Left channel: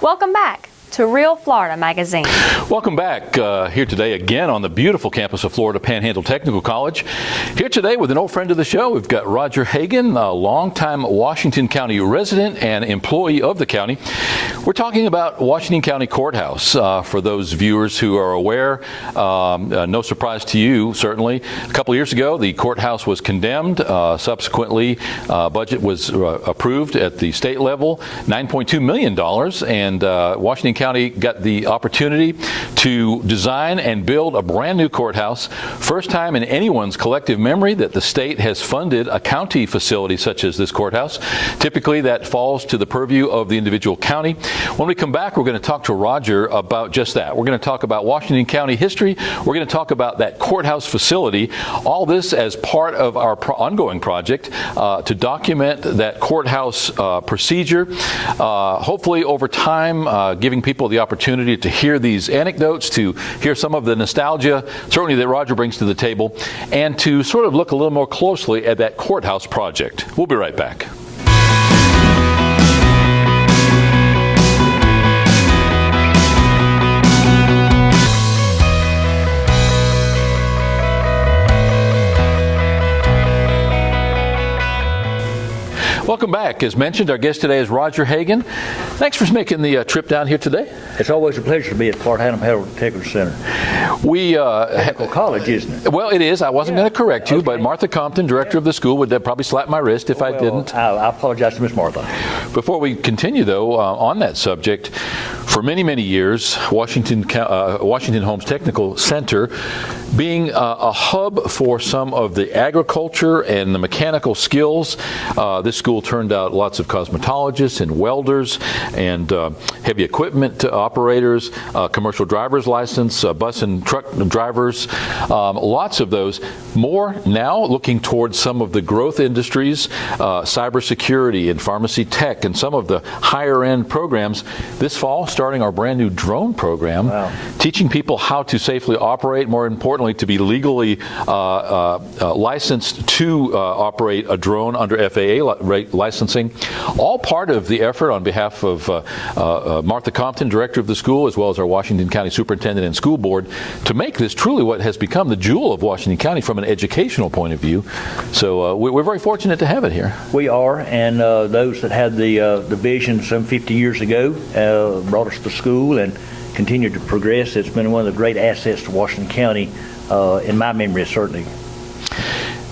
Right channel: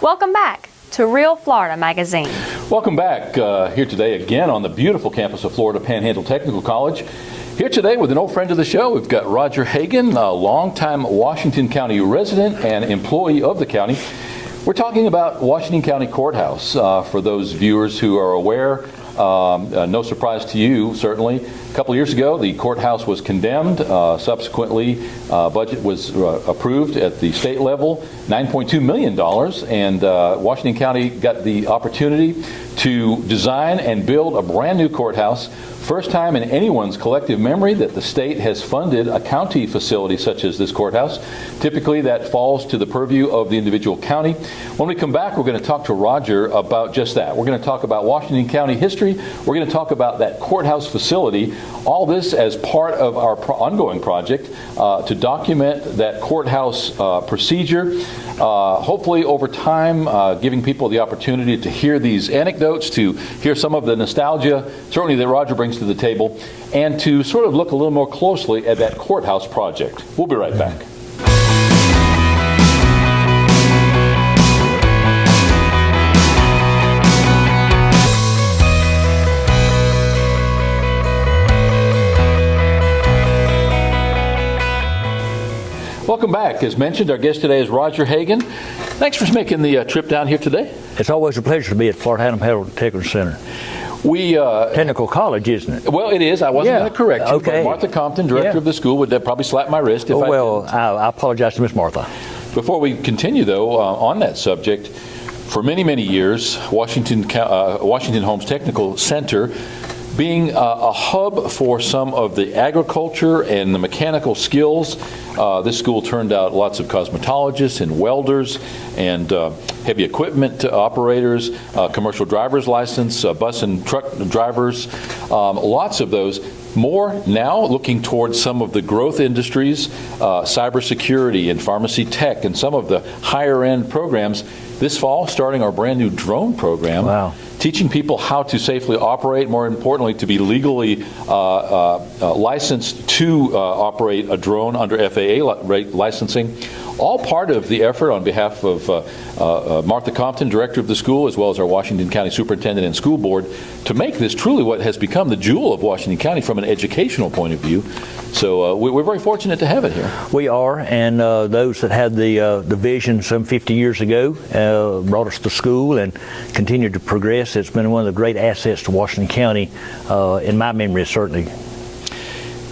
Welcome back to Real Florida Magazine. Welcome back here today again on the beautiful campus of Florida Panhandle Technical College. Here today with an old friend of the show, we've got Roger Hagan, a longtime Washington County resident and employee of the county. We're talking about Washington County Courthouse. For those viewers who are aware, no surprise to you, certainly. A couple years ago, the courthouse was condemned. Subsequently, budget was approved at the state level, $9.2 million, and Washington County got the opportunity to design and build a brand new courthouse. First time in anyone's collective memory that the state has funded a county facility such as this courthouse. Typically that falls to the purview of the individual county. When we come back, we're going to talk to Roger about just that. We're going to talk about Washington County history. We're going to talk about that courthouse facility. All this as part of our ongoing project to document that courthouse procedure. Hopefully over time, giving people the opportunity to hear these anecdotes, to hear some of the nostalgia, certainly that Roger brings to the table, and to sort of look a little more closely at that courthouse project. We'll be right back. Welcome back. As mentioned, our guest today is Roger Hagan. Thanks for making the trip down here today. It's always a pleasure to be at Florida Panhandle Technical Center. Technical College, isn't it? Well, it is. I wasn't going to correct you, but Martha Compton, director of the school, would probably slap my wrist if I didn't. I apologize to Miss Martha. Before we continue, though, on that subject, for many, many years, Washington Homes Technical Center being a hub for some of the agriculture and the mechanical skills. This school turned out lots of cosmetologists and welders and heavy equipment operators, commercial driver's license, bus and truck drivers, lots of those. More now looking towards some of the growth industries, cybersecurity and pharmacy tech and some of the higher end programs. This fall, starting our brand new drone program, teaching people how to safely operate, more importantly, to be legally licensed to operate a drone under FAA licensing. All part of the effort on behalf of Martha Compton, director of the school, as well as our Washington County Superintendent and School Board, to make this truly what has become the jewel of Washington County from an educational point of view. So we're very fortunate to have it here. We are, and those that had the vision some 50 years ago brought us to school and continued to progress. It's been one of the great assets to Washington County, in my memory, certainly.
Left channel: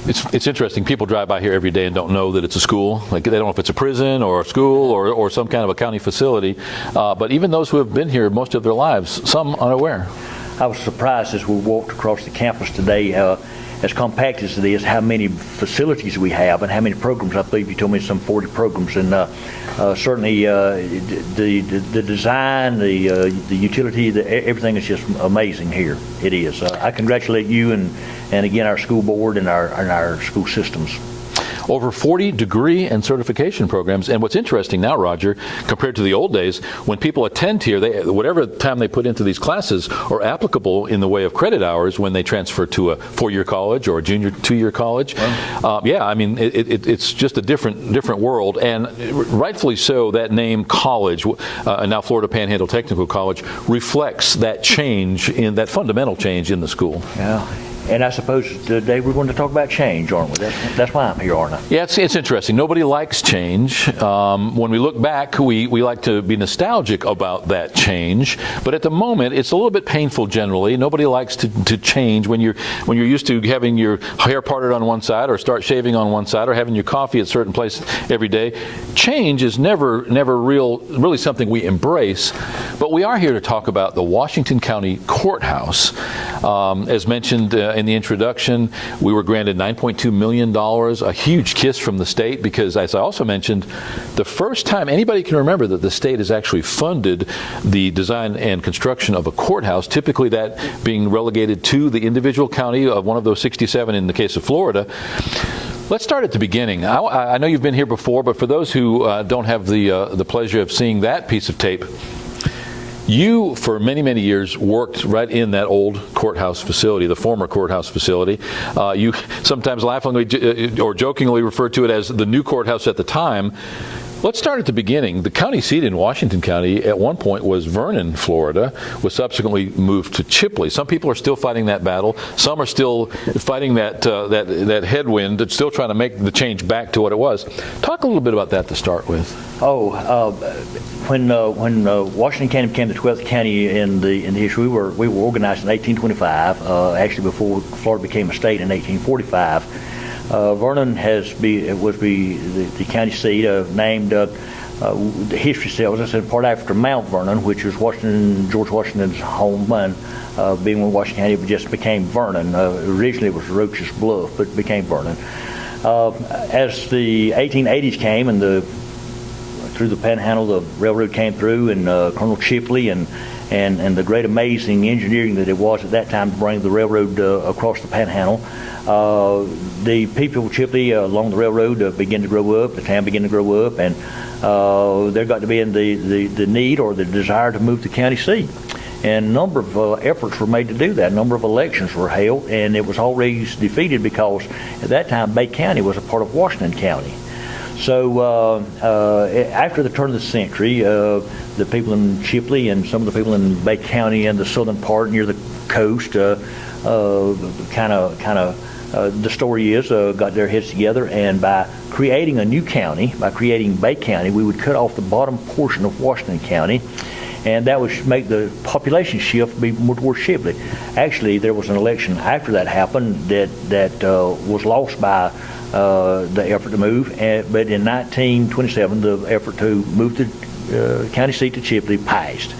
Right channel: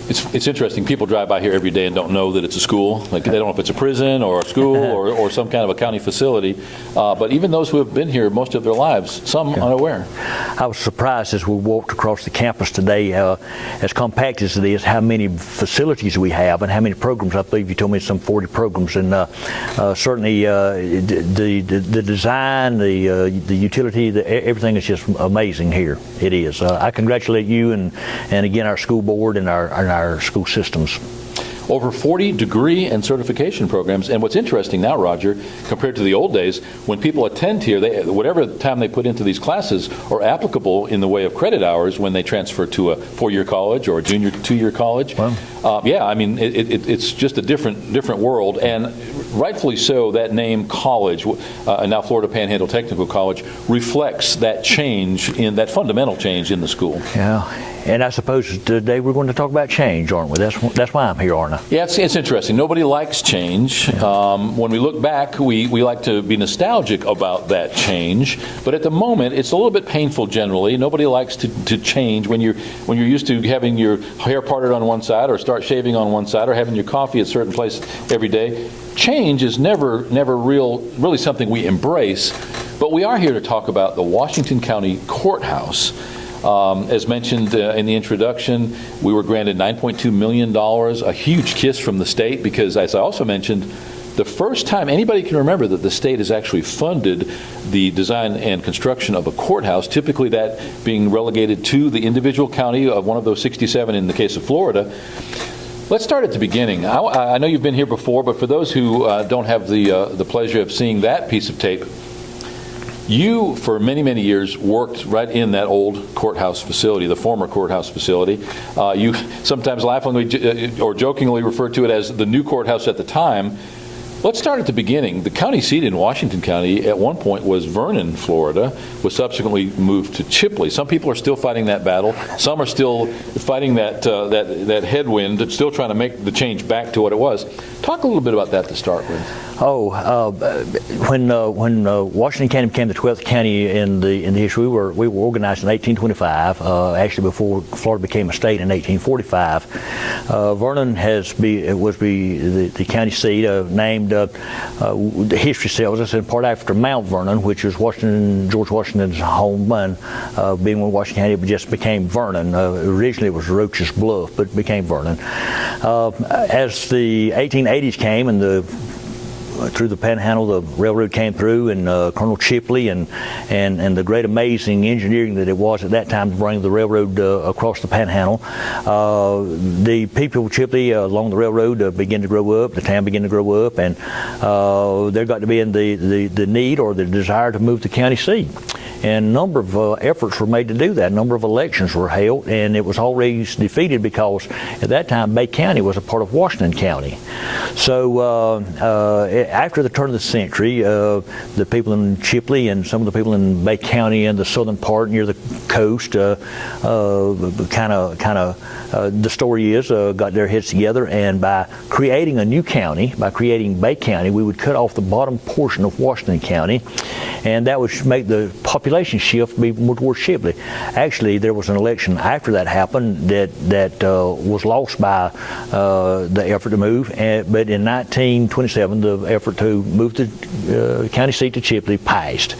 It's interesting. People drive by here every day and don't know that it's a school. Like they don't know if it's a prison or a school or some kind of a county facility. But even those who have been here most of their lives, some unaware. I was surprised as we walked across the campus today, as compact as it is, how many facilities we have and how many programs. I believe you told me some 40 programs, and certainly the design, the utility, everything is just amazing here. It is. I congratulate you and again our school board and our school systems. Over 40 degree and certification programs. And what's interesting now, Roger, compared to the old days, when people attend here, whatever time they put into these classes are applicable in the way of credit hours when they transfer to a 4-year college or a junior 2-year college. It's just a different world. And rightfully so, that name college, now Florida Panhandle Technical College, reflects that change, that fundamental change in the school. Yeah. And I suppose today we're going to talk about change, aren't we? That's why I'm here, aren't I? Yeah, it's interesting. Nobody likes change. When we look back, we like to be nostalgic about that change. But at the moment, it's a little bit painful generally. Nobody likes to change when you're used to having your hair parted on one side or start shaving on one side or having your coffee at certain places every day. Change is never really something we embrace. But we are here to talk about the Washington County Courthouse. As mentioned in the introduction, we were granted $9.2 million, a huge kiss from the state because, as I also mentioned, the first time anybody can remember that the state has actually funded the design and construction of a courthouse, typically that being relegated to the individual county of one of those 67 in the case of Florida. Let's start at the beginning. I know you've been here before, but for those who don't have the pleasure of seeing that piece of tape, you, for many, many years, worked right in that old courthouse facility, the former courthouse facility. You sometimes laughingly or jokingly refer to it as the new courthouse at the time. Let's start at the beginning. The county seat in Washington County at one point was Vernon, Florida, was subsequently moved to Chipley. Some people are still fighting that battle. Some are still fighting that headwind, still trying to make the change back to what it was. Talk a little bit about that to start with. When Washington County became the 12th county in the history, we were organized in 1825. Actually, before Florida became a state in 1845. Vernon was the county seat, named. The history tells us in part after Mount Vernon, which is George Washington's home, and being with Washington County, it just became Vernon. Originally, it was Roach's Bluff, but it became Vernon. As the 1880s came and through the Panhandle, the railroad came through, and Colonel Chipley and the great amazing engineering that it was at that time to bring the railroad across the Panhandle. The people of Chipley along the railroad began to grow up. The town began to grow up, and there got to be in the need or the desire to move the county seat. And a number of efforts were made to do that. A number of elections were held, and it was always defeated because at that time Bay County was a part of Washington County. So after the turn of the century, the people in Chipley and some of the people in Bay County in the southern part near the coast the story is got their heads together, and by creating a new county, by creating Bay County, we would cut off the bottom portion of Washington County, and that would make the population shift be more towards Chipley. Actually, there was an election after that happened that was lost by the effort to move, but in 1927, the effort to move the county seat to Chipley passed.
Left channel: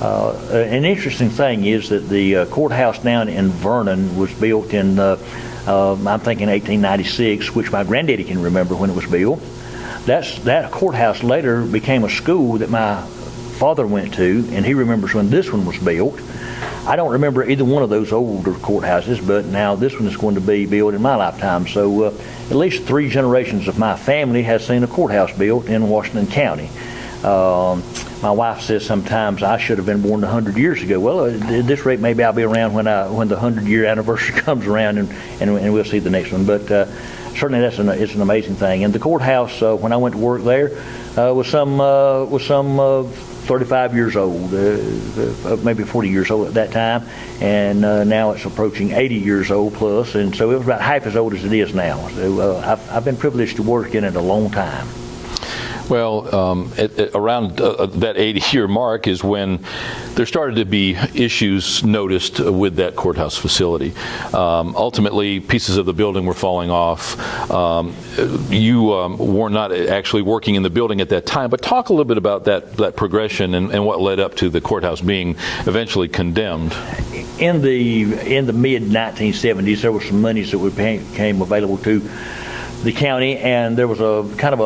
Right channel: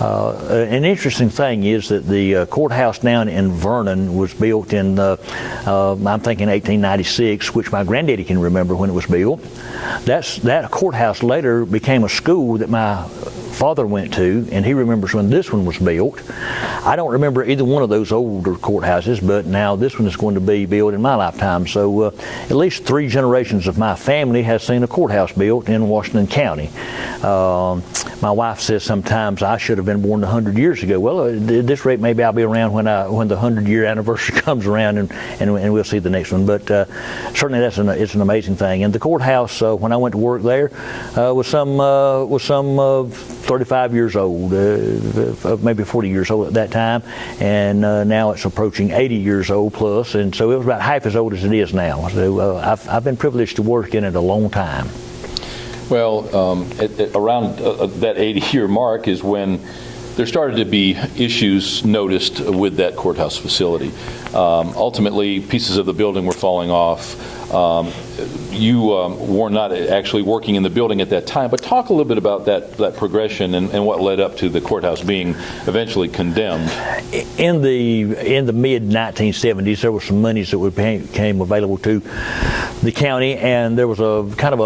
An interesting thing is that the courthouse down in Vernon was built in, I'm thinking 1896, which my granddaddy can remember when it was built. That courthouse later became a school that my father went to, and he remembers when this one was built. I don't remember either one of those older courthouses, but now this one is going to be built in my lifetime. So at least 3 generations of my family has seen a courthouse built in Washington County. My wife says sometimes I should have been born 100 years ago. Well, at this rate, maybe I'll be around when the 100-year anniversary comes around, and we'll see the next one. But certainly it's an amazing thing. And the courthouse, when I went to work there, was some 35 years old, maybe 40 years old at that time, and now it's approaching 80 years old plus, and so it was about half as old as it is now. So I've been privileged to work in it a long time. Well, around that 80-year mark is when there started to be issues noticed with that courthouse facility. Ultimately, pieces of the building were falling off. You were not actually working in the building at that time, but talk a little bit about that progression and what led up to the courthouse being eventually condemned. In the mid-1970s, there were some monies that became available to the county, and there was a kind of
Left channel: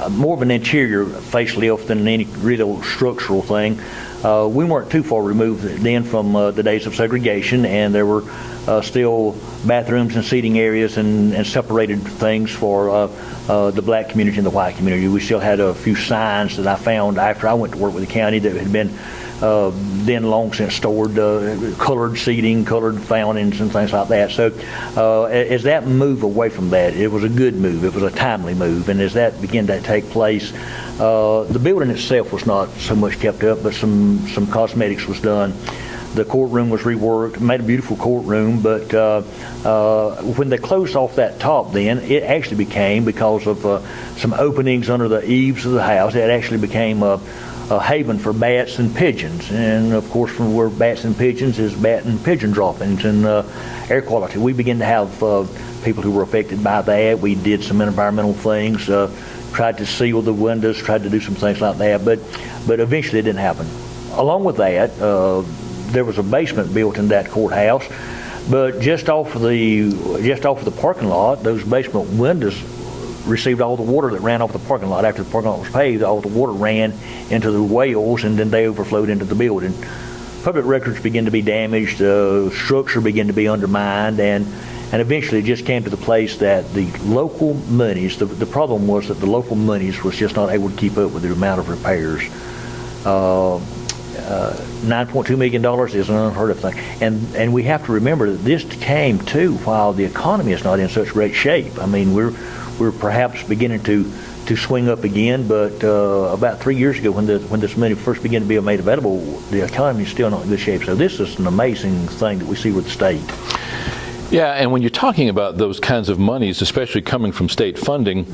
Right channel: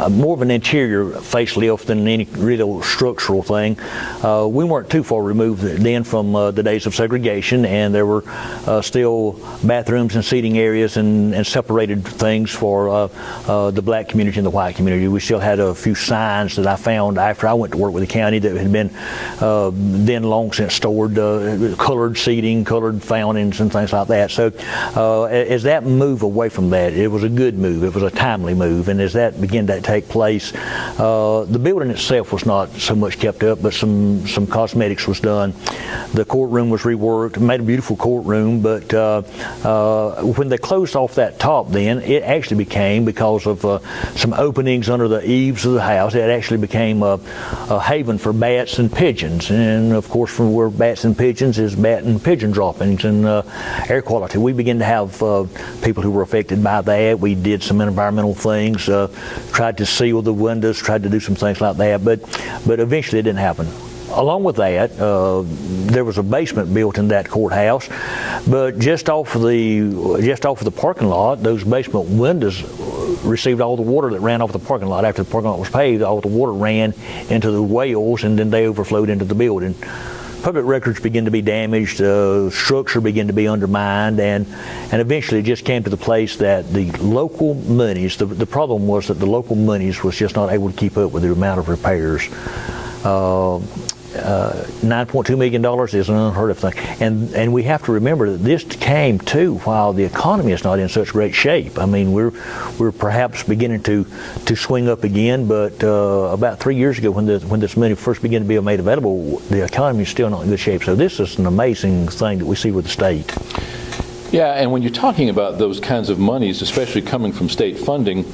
a more of an interior facelift than any real structural thing. We weren't too far removed then from the days of segregation, and there were still bathrooms and seating areas and separated things for the black community and the white community. We still had a few signs that I found after I went to work with the county that had been then long since stored, colored seating, colored fountains, and things like that. So as that move away from that, it was a good move. It was a timely move, and as that began to take place, the building itself was not so much kept up, but some cosmetics was done. The courtroom was reworked, made a beautiful courtroom, but when they closed off that top then, it actually became, because of some openings under the eaves of the house, it actually became a haven for bats and pigeons. And of course, from where bats and pigeons is bat and pigeon droppings and air quality. We began to have people who were affected by that. We did some environmental things, tried to seal the windows, tried to do some things like that, but eventually it didn't happen. Along with that, there was a basement built in that courthouse, but just off of the parking lot, those basement windows received all the water that ran off the parking lot. After the parking lot was paved, all the water ran into the wells, and then they overflowed into the building. Public records began to be damaged, structure began to be undermined, and eventually it just came to the place that the local monies, the problem was that the local monies was just not able to keep up with the amount of repairs. $9.2 million is an unheard of thing. And we have to remember that this came too while the economy is not in such great shape. I mean, we're perhaps beginning to swing up again, but about 3 years ago when this money first began to be made available, the economy is still not in good shape. So this is an amazing thing that we see with the state. Yeah, and when you're talking about those kinds of monies, especially coming from state funding,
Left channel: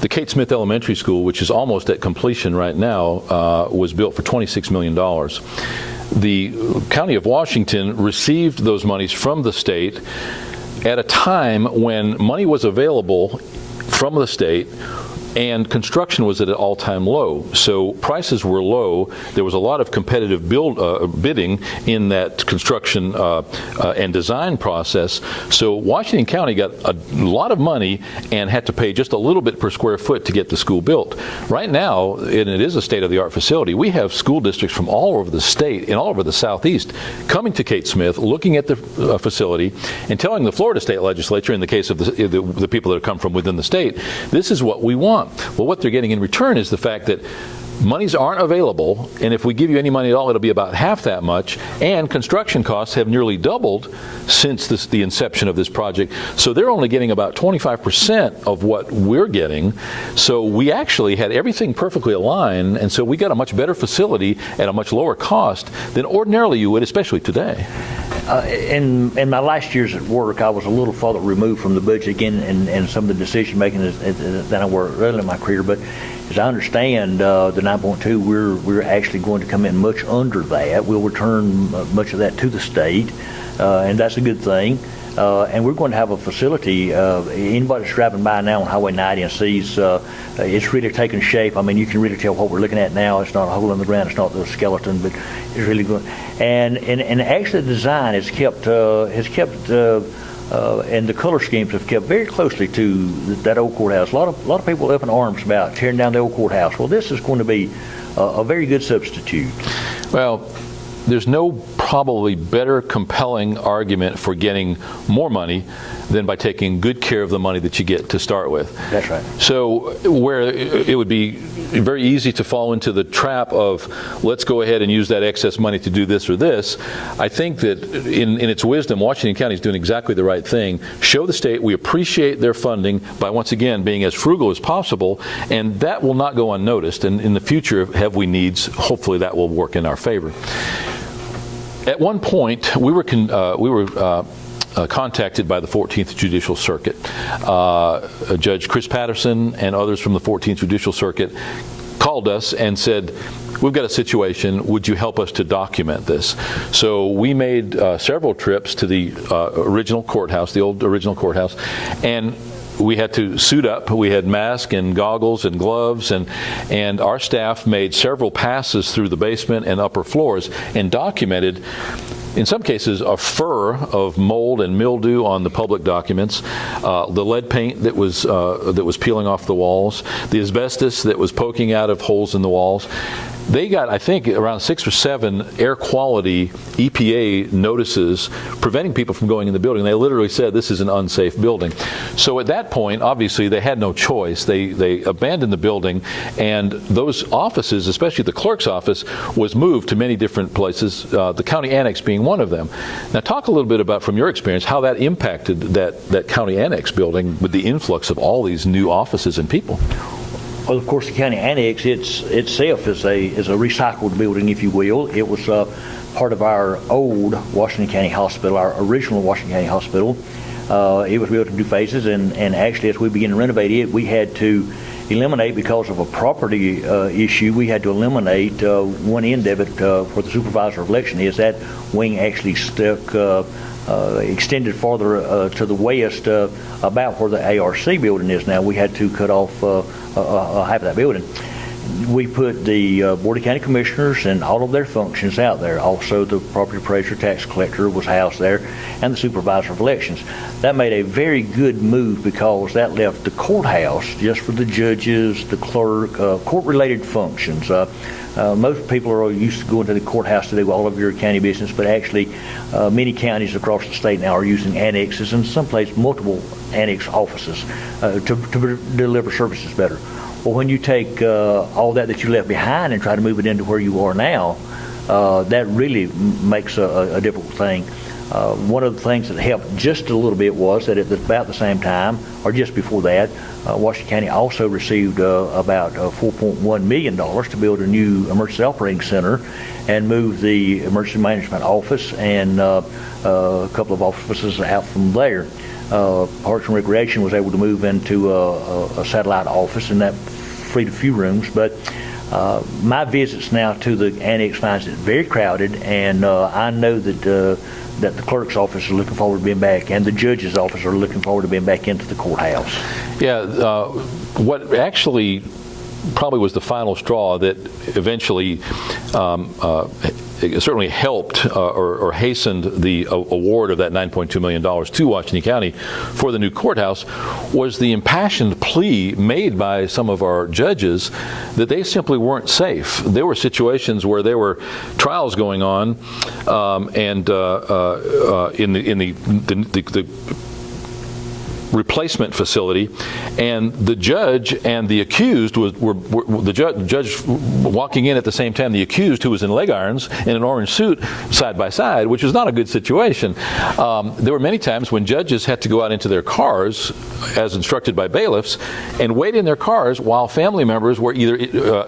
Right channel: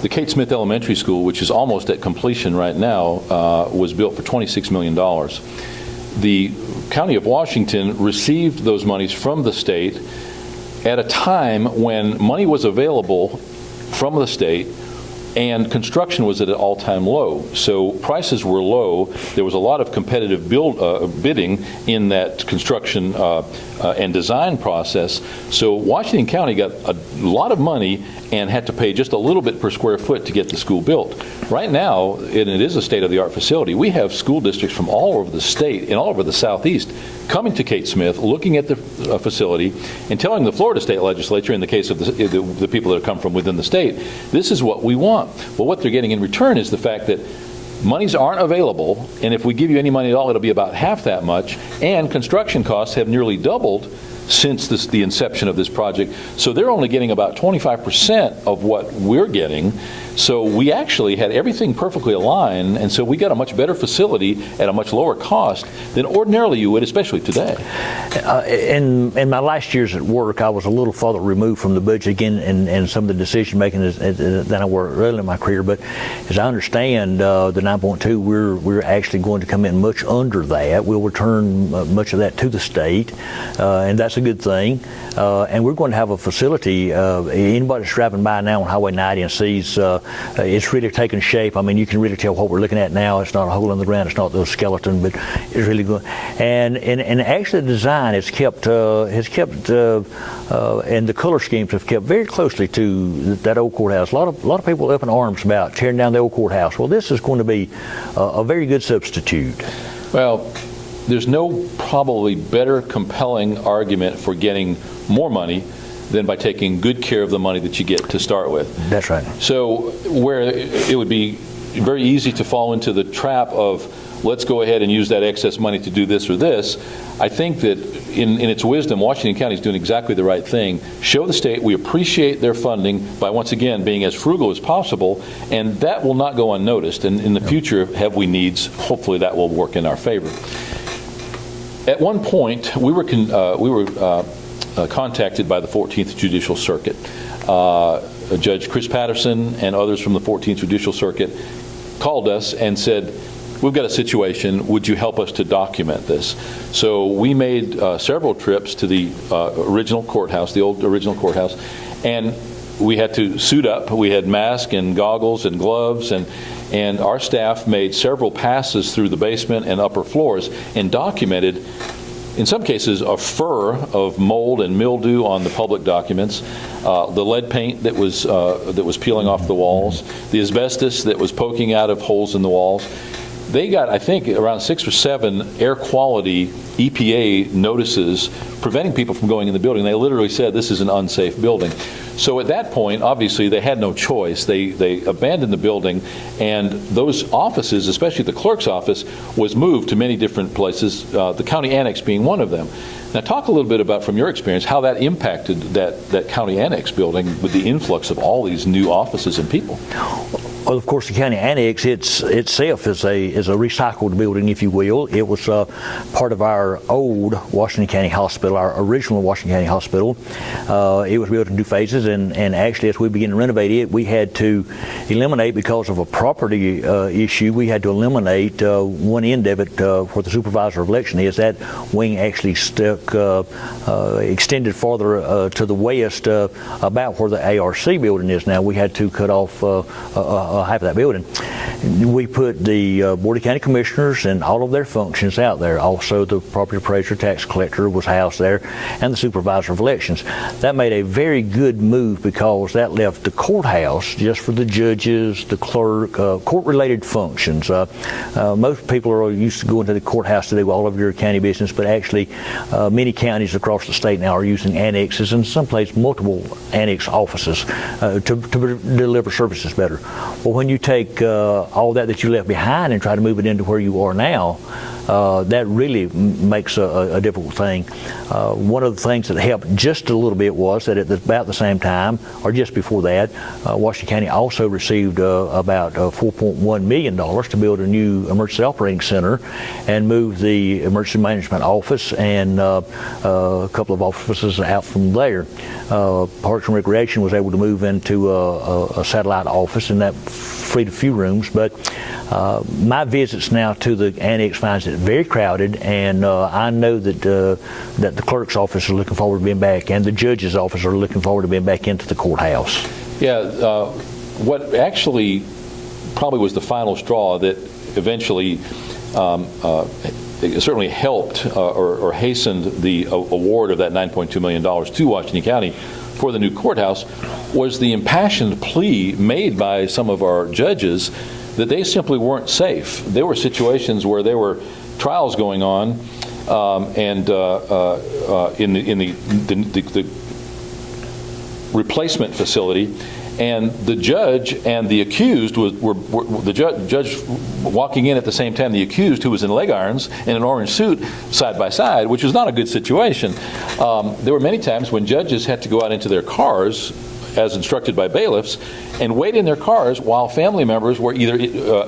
the Kate Smith Elementary School, which is almost at completion right now, was built for $26 million. The County of Washington received those monies from the state at a time when money was available from the state and construction was at an all-time low. So prices were low. There was a lot of competitive bidding in that construction and design process. So Washington County got a lot of money and had to pay just a little bit per square foot to get the school built. Right now, and it is a state-of-the-art facility, we have school districts from all over the state and all over the southeast coming to Kate Smith, looking at the facility, and telling the Florida State Legislature, in the case of the people that come from within the state, this is what we want. Well, what they're getting in return is the fact that monies aren't available, and if we give you any money at all, it'll be about half that much, and construction costs have nearly doubled since the inception of this project. So they're only getting about 25% of what we're getting. So we actually had everything perfectly aligned, and so we got a much better facility at a much lower cost than ordinarily you would, especially today. In my last years at work, I was a little farther removed from the budget again and some of the decision making than I were early in my career. But as I understand, the 9.2, we're actually going to come in much under that. We'll return much of that to the state, and that's a good thing. And we're going to have a facility. Anybody that's driving by now on Highway 90 and sees it's really taking shape. I mean, you can really tell what we're looking at now. It's not a hole in the ground. It's not the skeleton, but it's really good. And actually, the design has kept and the color schemes have kept very closely to that old courthouse. A lot of people up in arms about tearing down the old courthouse. Well, this is going to be a very good substitute. Well, there's no probably better compelling argument for getting more money than by taking good care of the money that you get to start with. That's right. So where it would be very easy to fall into the trap of let's go ahead and use that excess money to do this or this, I think that in its wisdom, Washington County is doing exactly the right thing. Show the state we appreciate their funding by once again being as frugal as possible, and that will not go unnoticed. And in the future, have we needs, hopefully that will work in our favor. At one point, we were contacted by the 14th Judicial Circuit. Judge Chris Patterson and others from the 14th Judicial Circuit called us and said, we've got a situation, would you help us to document this? So we made several trips to the original courthouse, the old original courthouse, and we had to suit up. We had masks and goggles and gloves, and our staff made several passes through the basement and upper floors and documented, in some cases, a fur of mold and mildew on the public documents, the lead paint that was peeling off the walls, the asbestos that was poking out of holes in the walls. They got, I think, around 6 or 7 air quality EPA notices preventing people from going in the building. They literally said this is an unsafe building. So at that point, obviously, they had no choice. They abandoned the building, and those offices, especially the clerk's office, was moved to many different places, the county annex being one of them. Now, talk a little bit about, from your experience, how that impacted that county annex building with the influx of all these new offices and people. Well, of course, the county annex itself is a recycled building, if you will. It was part of our old Washington County Hospital, our original Washington County Hospital. It was built in 2 phases, and actually, as we began to renovate it, we had to eliminate, because of a property issue, we had to eliminate one end of it where the supervisor of election is. That wing actually stuck extended farther to the west, about where the ARC building is now. We had to cut off half of that building. We put the Board of County Commissioners and all of their functions out there. Also, the property appraiser, tax collector was housed there, and the supervisor of elections. That made a very good move because that left the courthouse just for the judges, the clerk, court-related functions. Most people are used to going to the courthouse to do all of your county business, but actually many counties across the state now are using annexes, and someplace multiple annex offices to deliver services better. Well, when you take all that you left behind and try to move it into where you are now, that really makes a difficult thing. One of the things that helped just a little bit was that at about the same time, or just before that, Washington County also received about $4.1 million to build a new emergency operating center and move the emergency management office and a couple of offices out from there. Parks and Recreation was able to move into a satellite office, and that freed a few rooms. But my visits now to the annex finds it very crowded, and I know that the clerk's office is looking forward to being back, and the judge's office are looking forward to being back into the courthouse. Yeah, what actually probably was the final straw that eventually it certainly helped or hastened the award of that $9.2 million to Washington County for the new courthouse was the impassioned plea made by some of our judges that they simply weren't safe. There were situations where there were trials going on, and in the replacement facility, and the judge and the accused were the judge walking in at the same time. The accused, who was in leg irons in an orange suit, side by side, which was not a good situation. There were many times when judges had to go out into their cars, as instructed by bailiffs, and wait in their cars while family members were either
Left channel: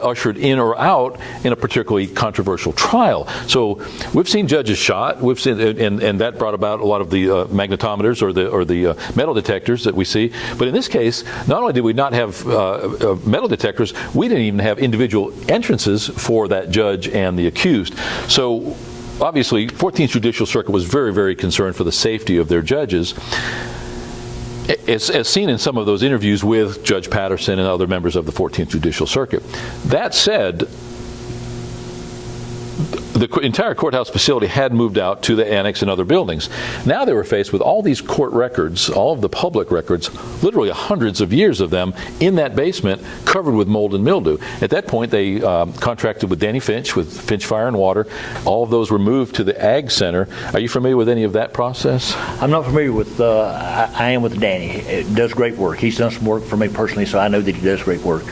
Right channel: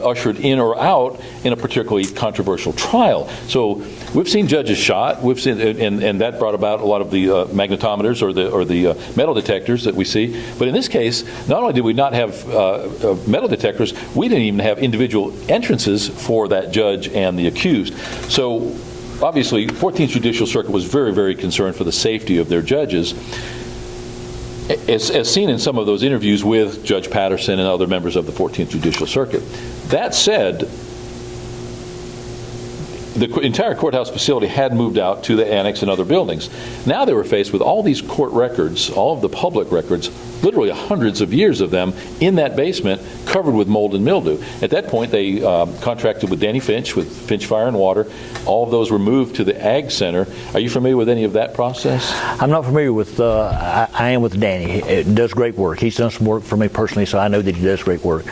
ushered in or out in a particularly controversial trial. So we've seen judges shot. We've seen, and that brought about a lot of the magnetometers or the metal detectors that we see. But in this case, not only did we not have metal detectors, we didn't even have individual entrances for that judge and the accused. So obviously, 14th Judicial Circuit was very, very concerned for the safety of their judges, as seen in some of those interviews with Judge Patterson and other members of the 14th Judicial Circuit. That said, the entire courthouse facility had moved out to the annex and other buildings. Now they were faced with all these court records, all of the public records, literally hundreds of years of them in that basement covered with mold and mildew. At that point, they contracted with Danny Finch, with Finch Fire and Water. All of those were moved to the Ag Center. Are you familiar with any of that process? I'm not familiar with, I am with Danny. He does great work. He's done some work for me personally, so I know that he does great work.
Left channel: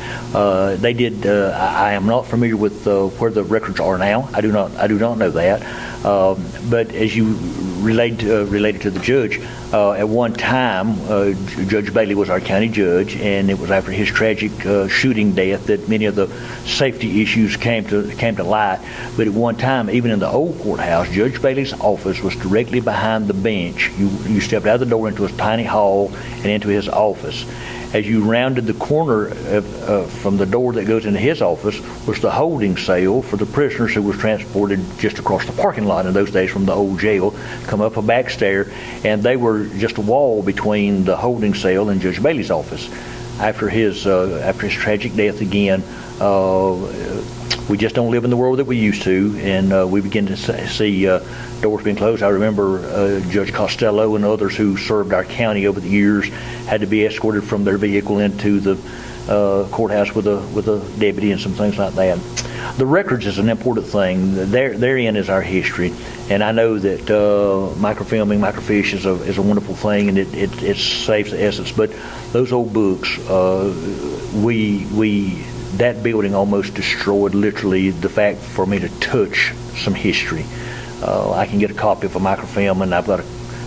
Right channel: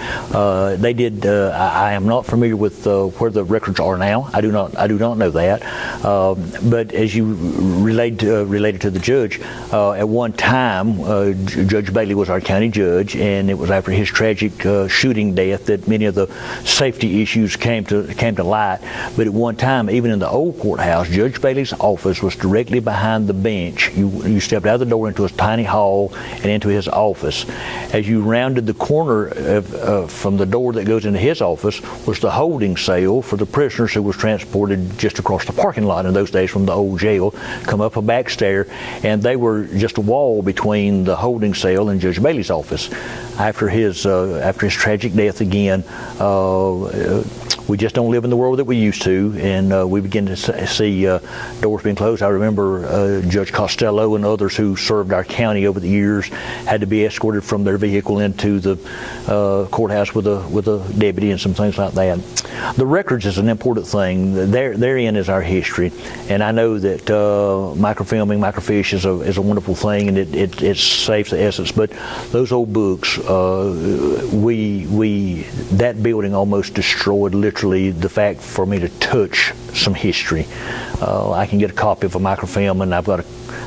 They did, I am not familiar with where the records are now. I do not know that. But as you related to the judge, at one time, Judge Bailey was our county judge, and it was after his tragic shooting death that many of the safety issues came to light. But at one time, even in the old courthouse, Judge Bailey's office was directly behind the bench. You stepped out of the door into a tiny hall and into his office. As you rounded the corner from the door that goes into his office was the holding cell for the prisoners who was transported just across the parking lot in those days from the old jail, come up a back stair, and they were just a wall between the holding cell and Judge Bailey's office. After his tragic death again, we just don't live in the world that we used to, and we begin to see doors being closed. I remember Judge Costello and others who served our county over the years had to be escorted from their vehicle into the courthouse with a deputy and some things like that. The records is an important thing. Therein is our history, and I know that microfilming, microfiche is a wonderful thing, and it saves the essence. But those old books, that building almost destroyed literally the fact for me to touch some history. I can get a copy of a microfilm, and I've got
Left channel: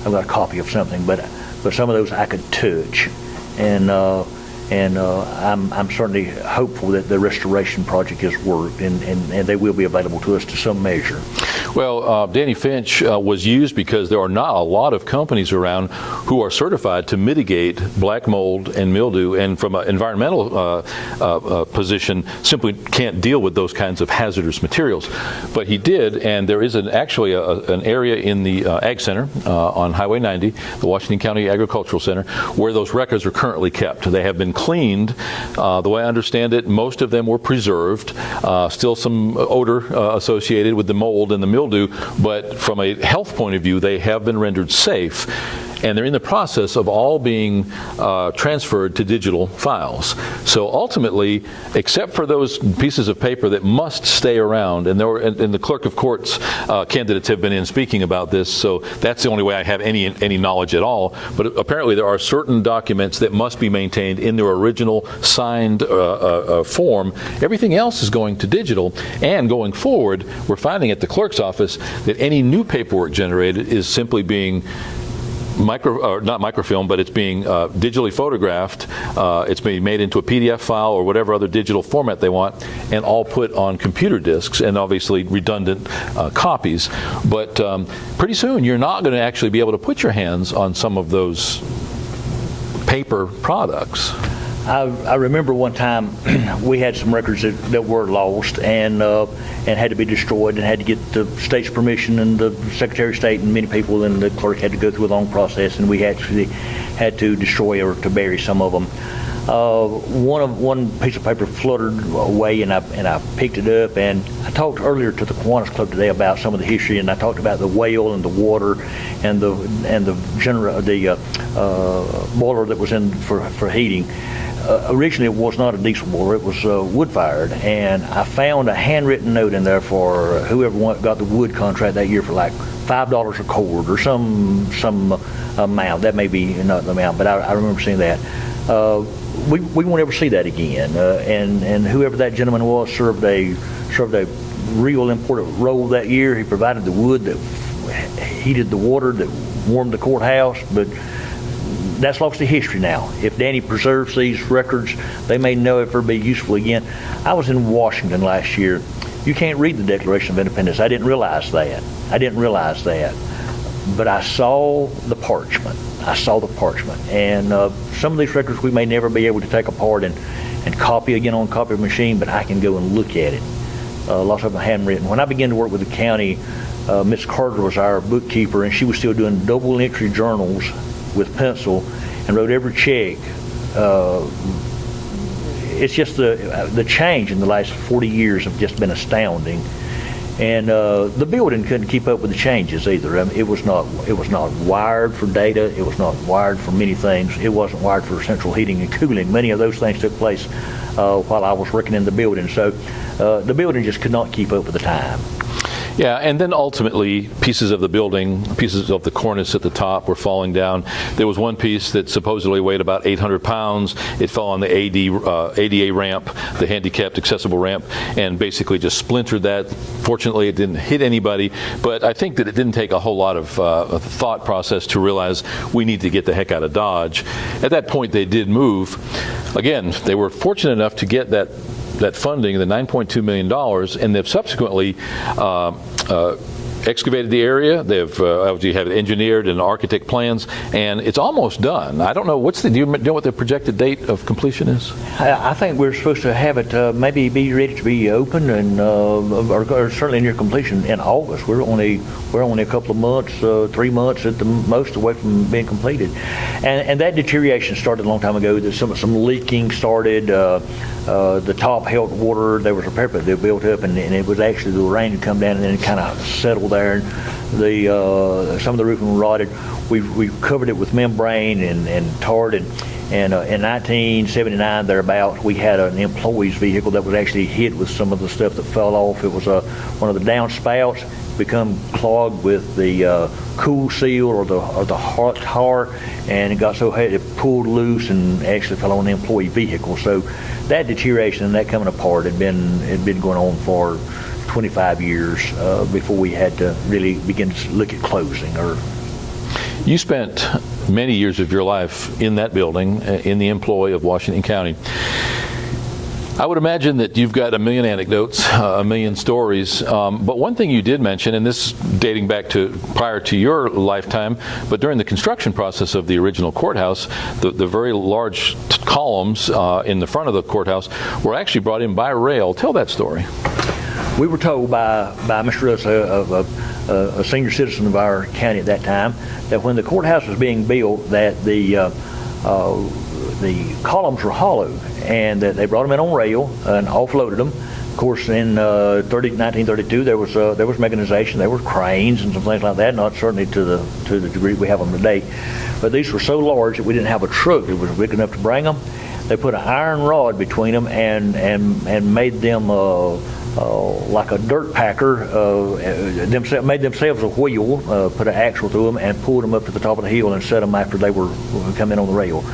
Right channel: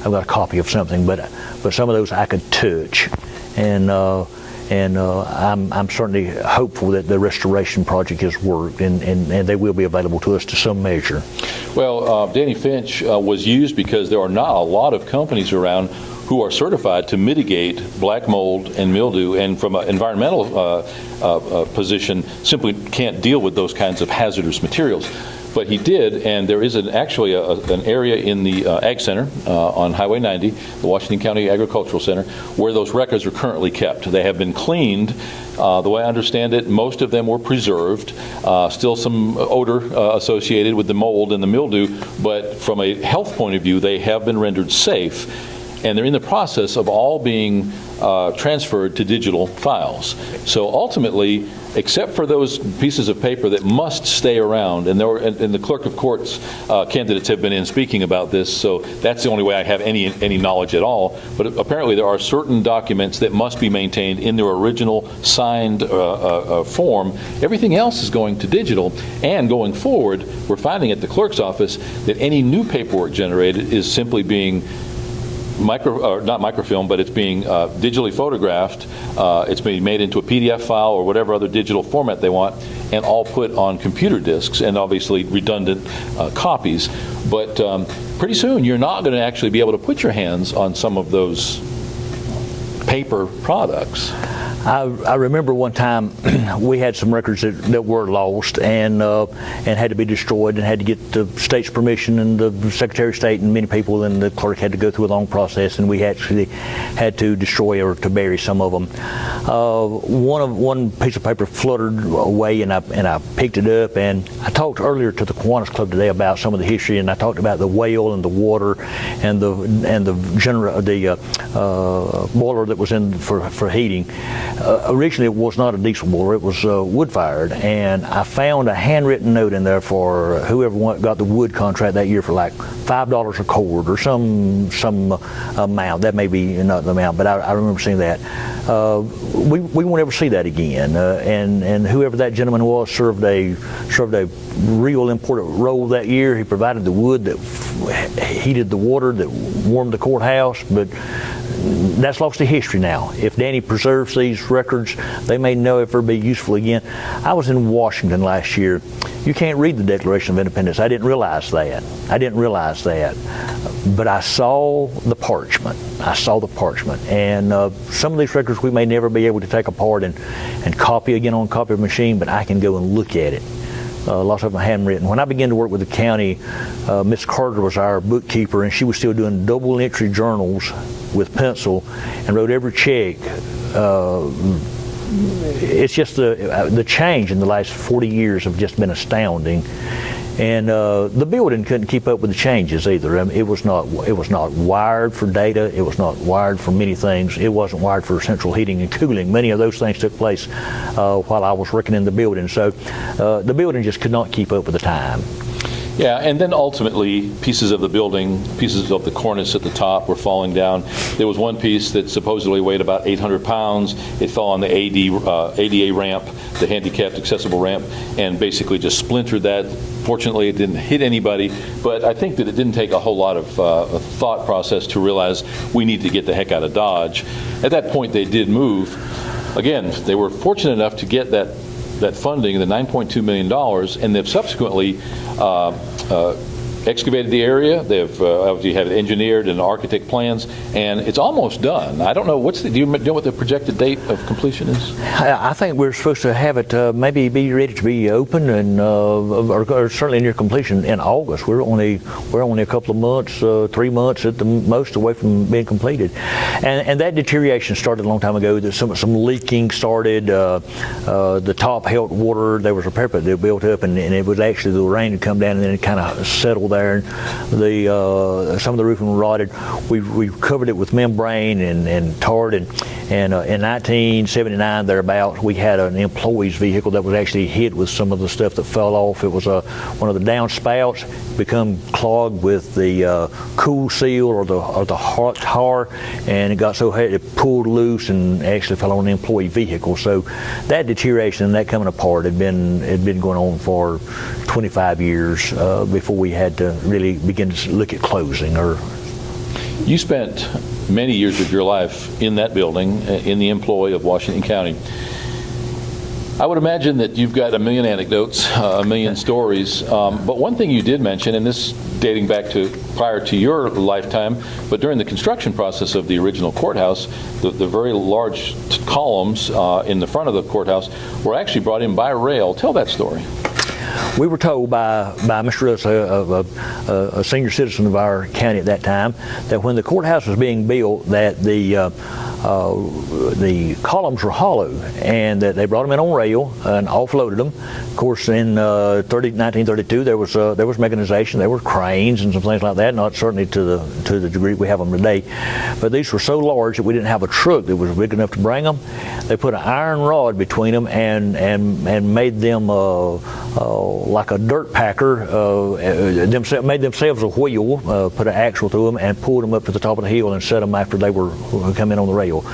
a copy of something, but some of those I could touch, and I'm certainly hopeful that the restoration project has worked, and they will be available to us to some measure. Well, Danny Finch was used because there are not a lot of companies around who are certified to mitigate black mold and mildew, and from an environmental position simply can't deal with those kinds of hazardous materials. But he did, and there is actually an area in the Ag Center on Highway 90, the Washington County Agricultural Center, where those records are currently kept. They have been cleaned. The way I understand it, most of them were preserved. Still some odor associated with the mold and the mildew, but from a health point of view, they have been rendered safe. and they're in the process of all being transferred to digital files. So ultimately, except for those pieces of paper that must stay around, and the clerk of courts candidates have been in speaking about this, so that's the only way I have any knowledge at all. But apparently there are certain documents that must be maintained in their original signed form. Everything else is going to digital, and going forward, we're finding at the clerk's office that any new paperwork generated is simply being not microfilm, but it's being digitally photographed. It's being made into a PDF file or whatever other digital format they want, and all put on computer disks, and obviously redundant copies. But pretty soon, you're not going to actually be able to put your hands on some of those paper products. I remember one time we had some records that were lost and had to be destroyed, and had to get the state's permission, and the Secretary of State and many people and the clerk had to go through a long process, and we actually had to destroy or to bury some of them. One piece of paper fluttered away, and I picked it up, and I talked earlier to the Kiwanis Club today about some of the history, and I talked about the whale and the water and the boiler that was in for heating. Originally, it was not a diesel boiler; it was wood-fired, and I found a handwritten note in there for whoever got the wood contract that year for like $5 a cord or some amount. That may be not the amount, but I remember seeing that. We won't ever see that again. And whoever that gentleman was served a real important role that year. He provided the wood that heated the water that warmed the courthouse, but that's lost to history now. If Danny preserves these records, they may never be useful again. I was in Washington last year. You can't read the Declaration of Independence. I didn't realize that. But I saw the parchment. And some of these records we may never be able to take apart and copy again on a copy machine, but I can go and look at it. Lots of them handwritten. When I began to work with the county, Miss Carter was our bookkeeper, and she was still doing double entry journals with pencil and wrote every check. It's just the change in the last 40 years have just been astounding. And the building couldn't keep up with the changes either. I mean, it was not wired for data. It was not wired for many things. It wasn't wired for central heating and cooling. Many of those things took place while I was working in the building. So the building just could not keep up with the time. Yeah, and then ultimately pieces of the building, pieces of the cornice at the top were falling down. There was one piece that supposedly weighed about 800 pounds. It fell on the ADA ramp, the handicapped accessible ramp, and basically just splintered that. Fortunately, it didn't hit anybody, but I think that it didn't take a whole lot of thought process to realize we need to get the heck out of Dodge. At that point, they did move. Again, they were fortunate enough to get that funding, the $9.2 million, and they've subsequently excavated the area. They've obviously had engineered and architect plans, and it's almost done. I don't know, do you know what the projected date of completion is? I think we're supposed to have it maybe be ready to be open, and or certainly near completion in August. We're only a couple of months, 3 months at the most away from being completed, and that deterioration started a long time ago. Some leaking started. The top held water. There was a parapet that built up, and it was actually the rain had come down, and then it kind of settled there, and some of the roofing rotted. We covered it with membrane and tarred, and in 1979 thereabouts, we had an employee's vehicle that was actually hit with some of the stuff that fell off. It was one of the downspouts become clogged with the cool seal or the hot tar, and it got so heavy it pulled loose and actually fell on the employee vehicle. So that deterioration and that coming apart had been going on for 25 years before we had to really begin to look at closing. You spent many years of your life in that building, in the employ of Washington County. I would imagine that you've got a million anecdotes, a million stories, but one thing you did mention, and this dating back to prior to your lifetime, but during the construction process of the original courthouse, the very large columns in the front of the courthouse were actually brought in by rail. Tell that story. We were told by Mr. Russ, a senior citizen of our county at that time, that when the courthouse was being built, that the columns were hollow, and that they brought them in on rail and offloaded them, course, in 1932, there was mechanization. There were cranes and some things like that. Not certainly to the degree we have them today, but these were so large that we didn't have a truck that was big enough to bring them. They put an iron rod between them and made them like a dirt packer. Made themselves a wheel, put an axle through them, and pulled them up to the top of the hill and set them after they were coming on the rail.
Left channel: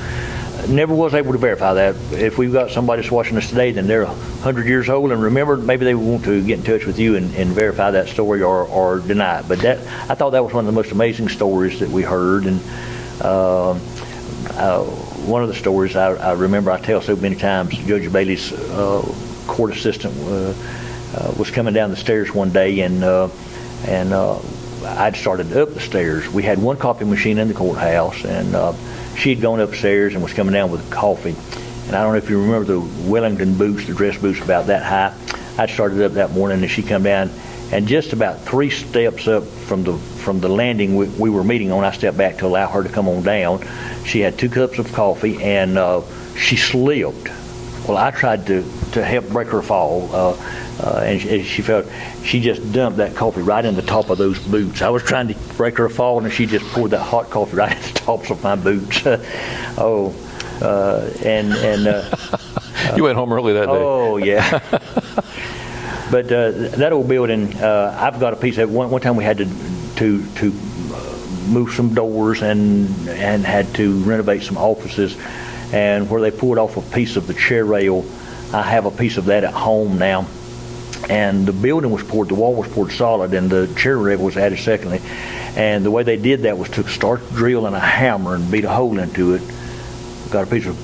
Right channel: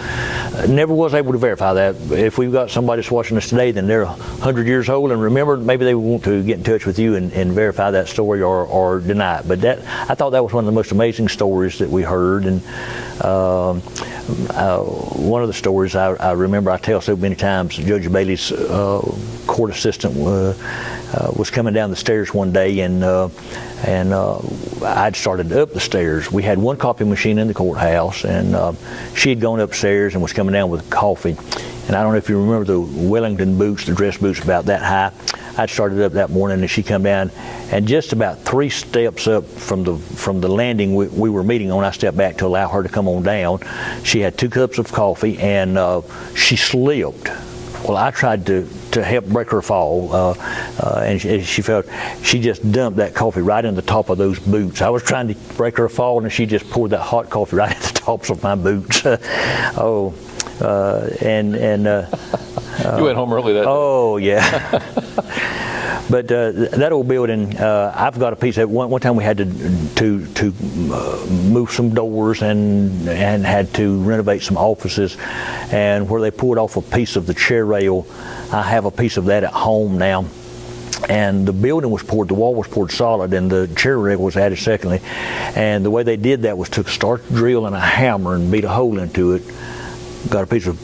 Never was able to verify that. If we've got somebody that's watching us today, then they're 100 years old, and remember, maybe they want to get in touch with you and verify that story or deny it. But I thought that was one of the most amazing stories that we heard. And one of the stories I remember I tell so many times, Judge Bailey's court assistant was coming down the stairs one day, and I'd started up the stairs. We had one copy machine in the courthouse, and she had gone upstairs and was coming down with coffee. And I don't know if you remember the Wellington boots, the dress boots about that high. I'd started up that morning, and she come down, and just about 3 steps up from the landing we were meeting on, I stepped back to allow her to come on down. She had 2 cups of coffee, and she slipped. Well, I tried to help break her fall, and she just dumped that coffee right in the top of those boots. I was trying to break her fall, and she just poured that hot coffee right at the tops of my boots. You went home early that day. Oh, yeah. But that old building, I've got a piece of it. One time we had to move some doors and had to renovate some offices, and where they pulled off a piece of the chair rail, I have a piece of that at home now. And the building was poured, the wall was poured solid, and the chair rail was added secondly. And the way they did that was took a starch drill and a hammer and beat a hole into it, got a piece of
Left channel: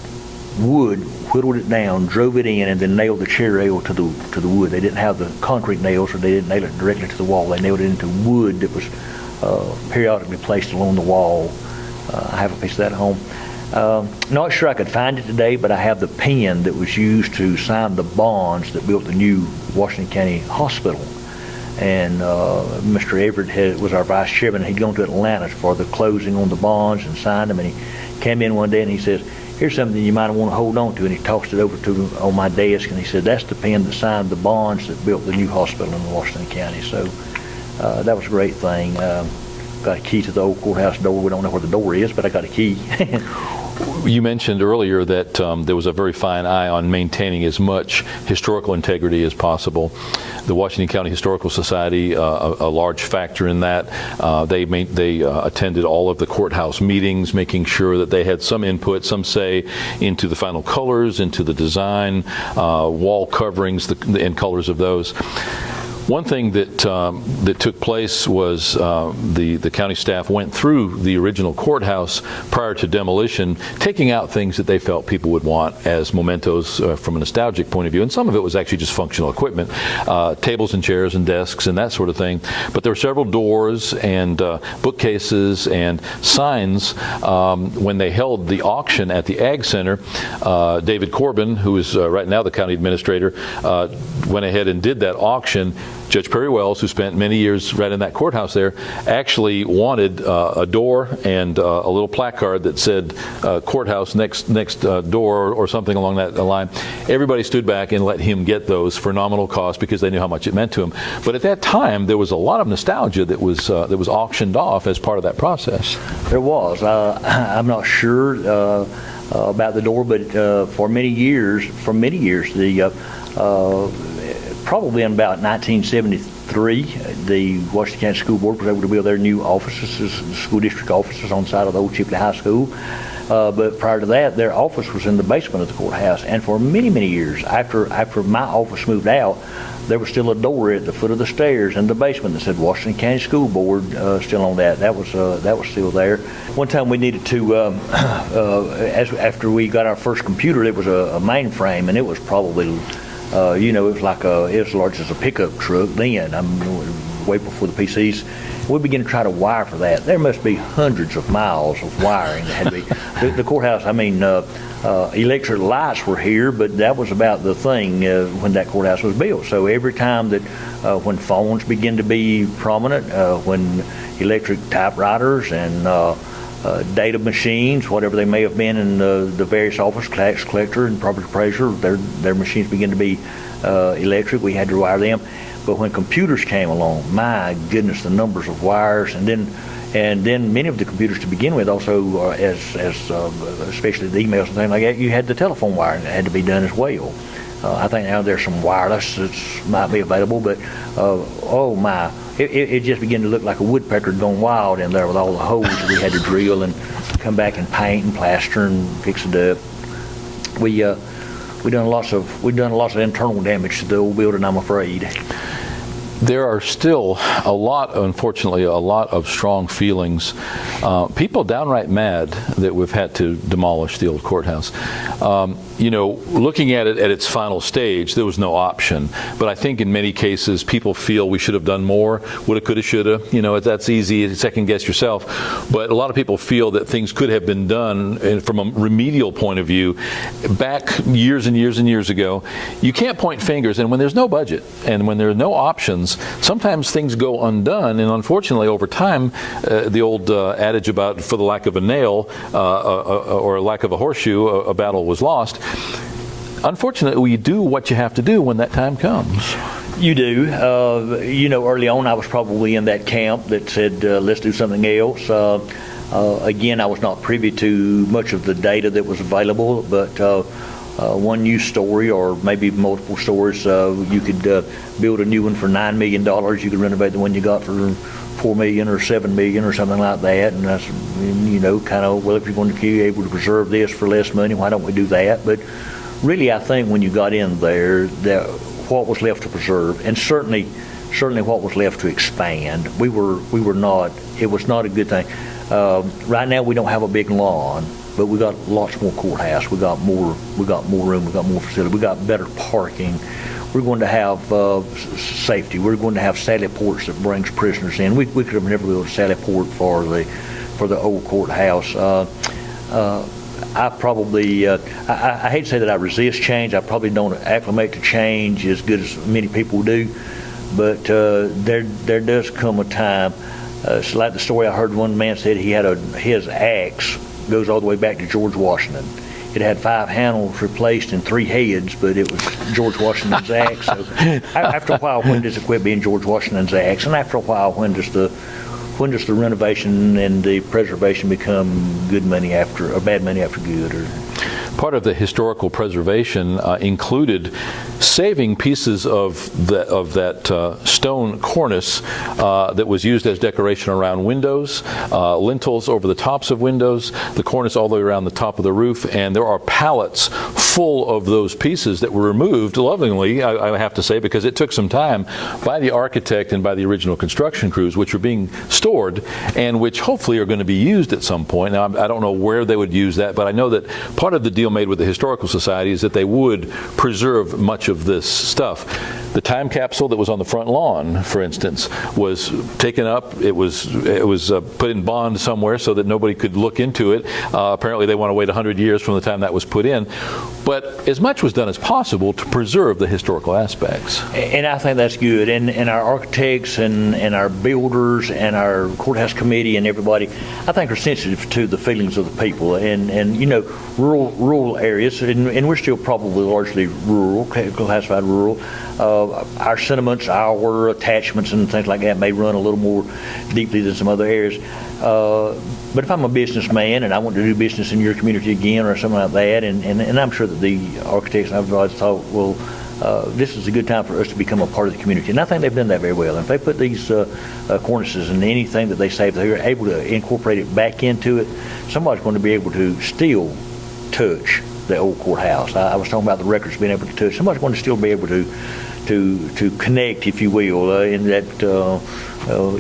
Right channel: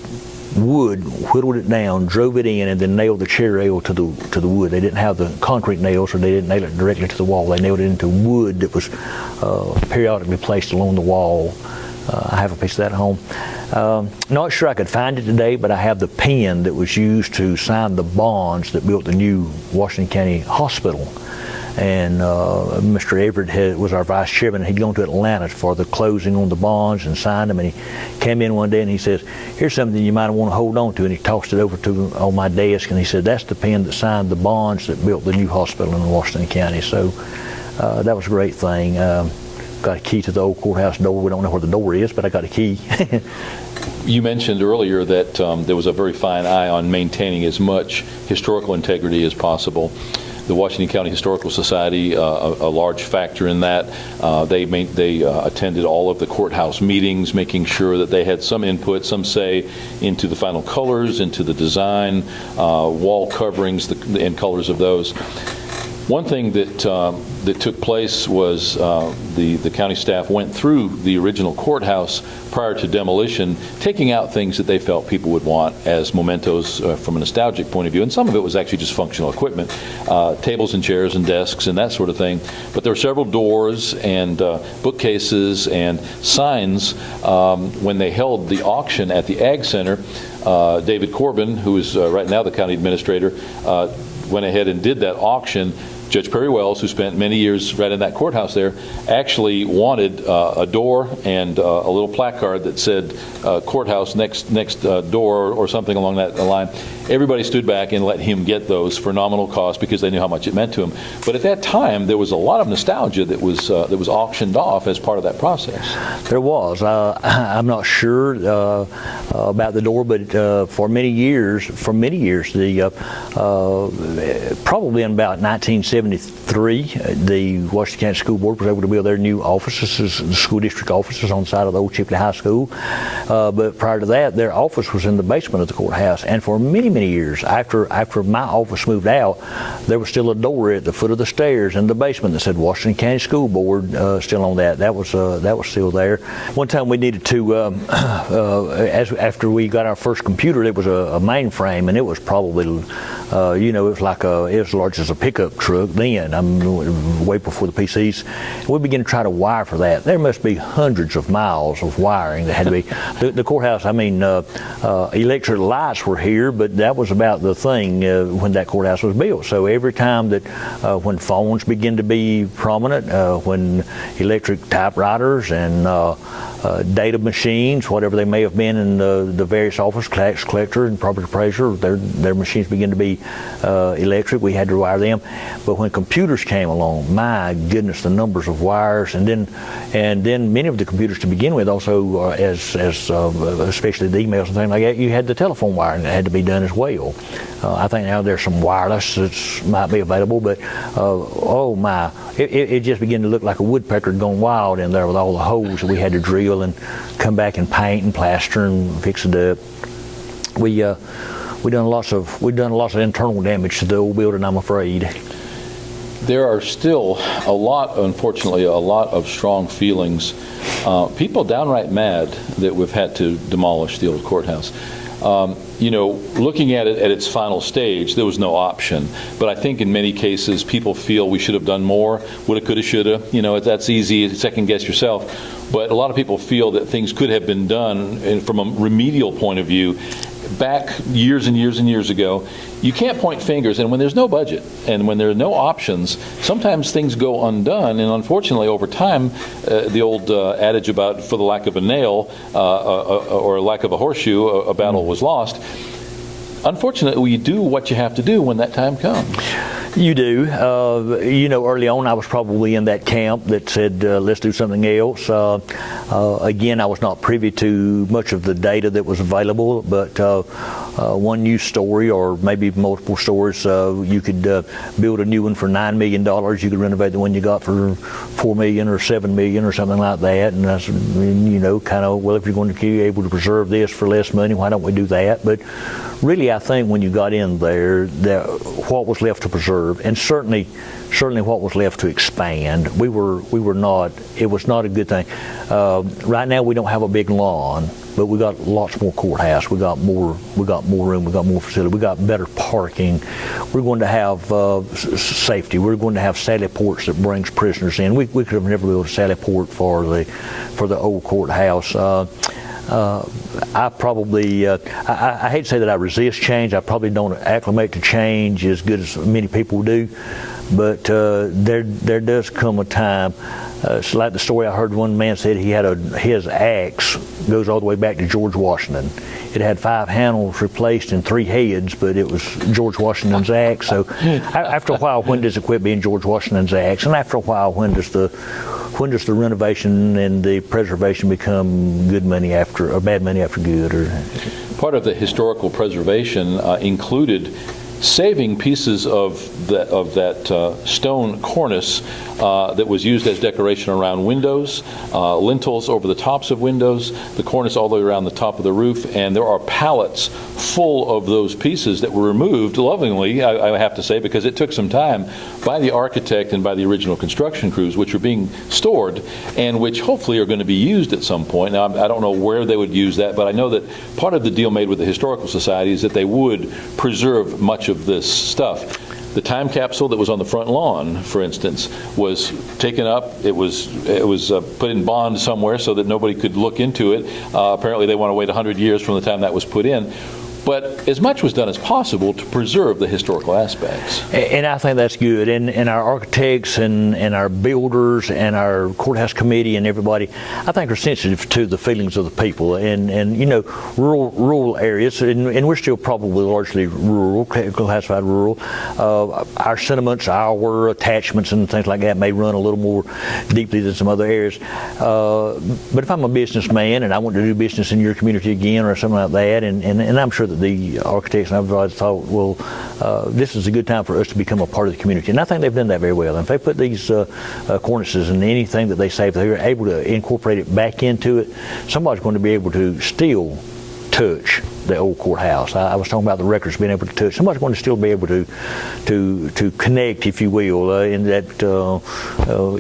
wood, whittled it down, drove it in, and then nailed the chair rail to the wood. They didn't have the concrete nails, or they didn't nail it directly to the wall. They nailed it into wood that was periodically placed along the wall. I have a piece of that at home. Not sure I could find it today, but I have the pen that was used to sign the bonds that built the new Washington County Hospital. And Mr. Everett was our vice chairman. He'd gone to Atlanta for the closing on the bonds and signed them. And he came in one day and he says, "Here's something you might want to hold on to." And he tossed it over to me on my desk, and he said, "That's the pen that signed the bonds that built the new hospital in Washington County." So that was a great thing. Got a key to the old courthouse door. We don't know where the door is, but I got a key. You mentioned earlier that there was a very fine eye on maintaining as much historical integrity as possible. The Washington County Historical Society, a large factor in that. They attended all of the courthouse meetings, making sure that they had some input, some say into the final colors, into the design, wall coverings, and colors of those. One thing that took place was the county staff went through the original courthouse prior to demolition, taking out things that they felt people would want as mementos from a nostalgic point of view. And some of it was actually just functional equipment, tables and chairs and desks and that sort of thing. But there were several doors and bookcases and signs. When they held the auction at the Ag Center, David Corbin, who is right now the county administrator, went ahead and did that auction. Judge Perry Wells, who spent many years right in that courthouse there, actually wanted a door and a little placard that said courthouse next door or something along that line. Everybody stood back and let him get those for nominal cost because they knew how much it meant to him. But at that time, there was a lot of nostalgia that was auctioned off as part of that process. There was. I'm not sure about the door, but for many years, the probably in about 1973, the Washington County School Board was able to build their new offices, the school district offices on the side of the old Chipley High School. But prior to that, their office was in the basement of the courthouse. And for many, many years, after my office moved out, there was still a door at the foot of the stairs in the basement that said Washington County School Board still on that. That was still there. One time we needed to, after we got our first computer, it was a mainframe, and it was probably it was like it was as large as a pickup truck then. Way before the PCs. We began to try to wire for that. There must be hundreds of miles of wiring that had to be. The courthouse, electric lights were here, but that was about the thing when that courthouse was built. So every time that when phones began to be prominent, when electric typewriters and data machines, whatever they may have been in the various office, tax collector and property appraiser, their machines begin to be electric. We had to wire them. But when computers came along, my goodness, the numbers of wires, and then many of the computers to begin with also, especially the emails and things like that, you had the telephone wiring that had to be done as well. I think now there's some wireless that might be available, but oh my, it just began to look like a woodpecker gone wild in there with all the holes that we had to drill and come back and paint and plaster and fix it up. We've done lots of internal damage to the old building, I'm afraid. There are still unfortunately, a lot of strong feelings. People downright mad that we've had to demolish the old courthouse. Looking at it at its final stage, there was no option. But I think in many cases, people feel we should have done more. Woulda, coulda, shoulda. That's easy to second guess yourself. But a lot of people feel that things could have been done from a remedial point of view back years and years and years ago. You can't point fingers. And when there's no budget and when there are no options, sometimes things go undone. And unfortunately, over time, the old adage about for the lack of a nail or lack of a horseshoe, a battle was lost. Unfortunately, you do what you have to do when that time comes. You do. Early on, I was probably in that camp that said, let's do something else. Again, I was not privy to much of the data that was available, but one news story or maybe multiple stories, you could build a new one for $9 million. You could renovate the one you got for $4 million or $7 million or something like that. And that's, well, if you're going to be able to preserve this for less money, why don't we do that? But really, I think when you got in there, that what was left to preserve, and certainly what was left to expand, it was not a good thing. Right now, we don't have a big lawn, but we got lots more courthouse. We got more room. We got more facility. We got better parking. We're going to have safety. We're going to have sally ports that brings prisoners in. We could have never built a sally port for the old courthouse. I probably, I hate to say that I resist change. I probably don't acclimate to change as good as many people do, but there does come a time. It's like the story I heard one man said his axe goes all the way back to George Washington. It had 5 handles replaced and 3 heads, but it was George Washington's axe. So after a while, when does it quit being George Washington's axe? And after a while, when does the renovation and the preservation become good money or bad money after good? Or part of the historical preservation included saving pieces of that stone cornice that was used as decoration around windows, lintels over the tops of windows, the cornice all the way around the top of the roof, and there are pallets full of those pieces that were removed lovingly, I have to say, because it took some time by the architect and by the original construction crews, which are being stored and which hopefully are going to be used at some point. Now, I don't know where they would use that, but I know that part of the deal made with the Historical Society is that they would preserve much of this stuff. The time capsule that was on the front lawn, for instance, was taken up. It was put in bond somewhere so that nobody could look into it. Apparently, they want to wait 100 years from the time that was put in. But as much was done as possible to preserve the historical aspects. And I think that's good. And our architects and our builders and our courthouse committee and everybody, I think, are sensitive to the feelings of the people. And rural areas, and we're still probably largely rural, classified rural. Our sentiments, our attachments and things like that may run a little more deeply than some other areas. But if I'm a businessman and I want to do business in your community again or something like that, and I'm sure that the architects and everybody thought, well, this is a good time for us to become a part of the community. And I think they've done that very well. And if they put these cornices and anything that they save, they're able to incorporate it back into it, somebody's going to be able to still touch the old courthouse. I was talking about the records being able to touch. Somebody's going to still be able to connect, if you will, in that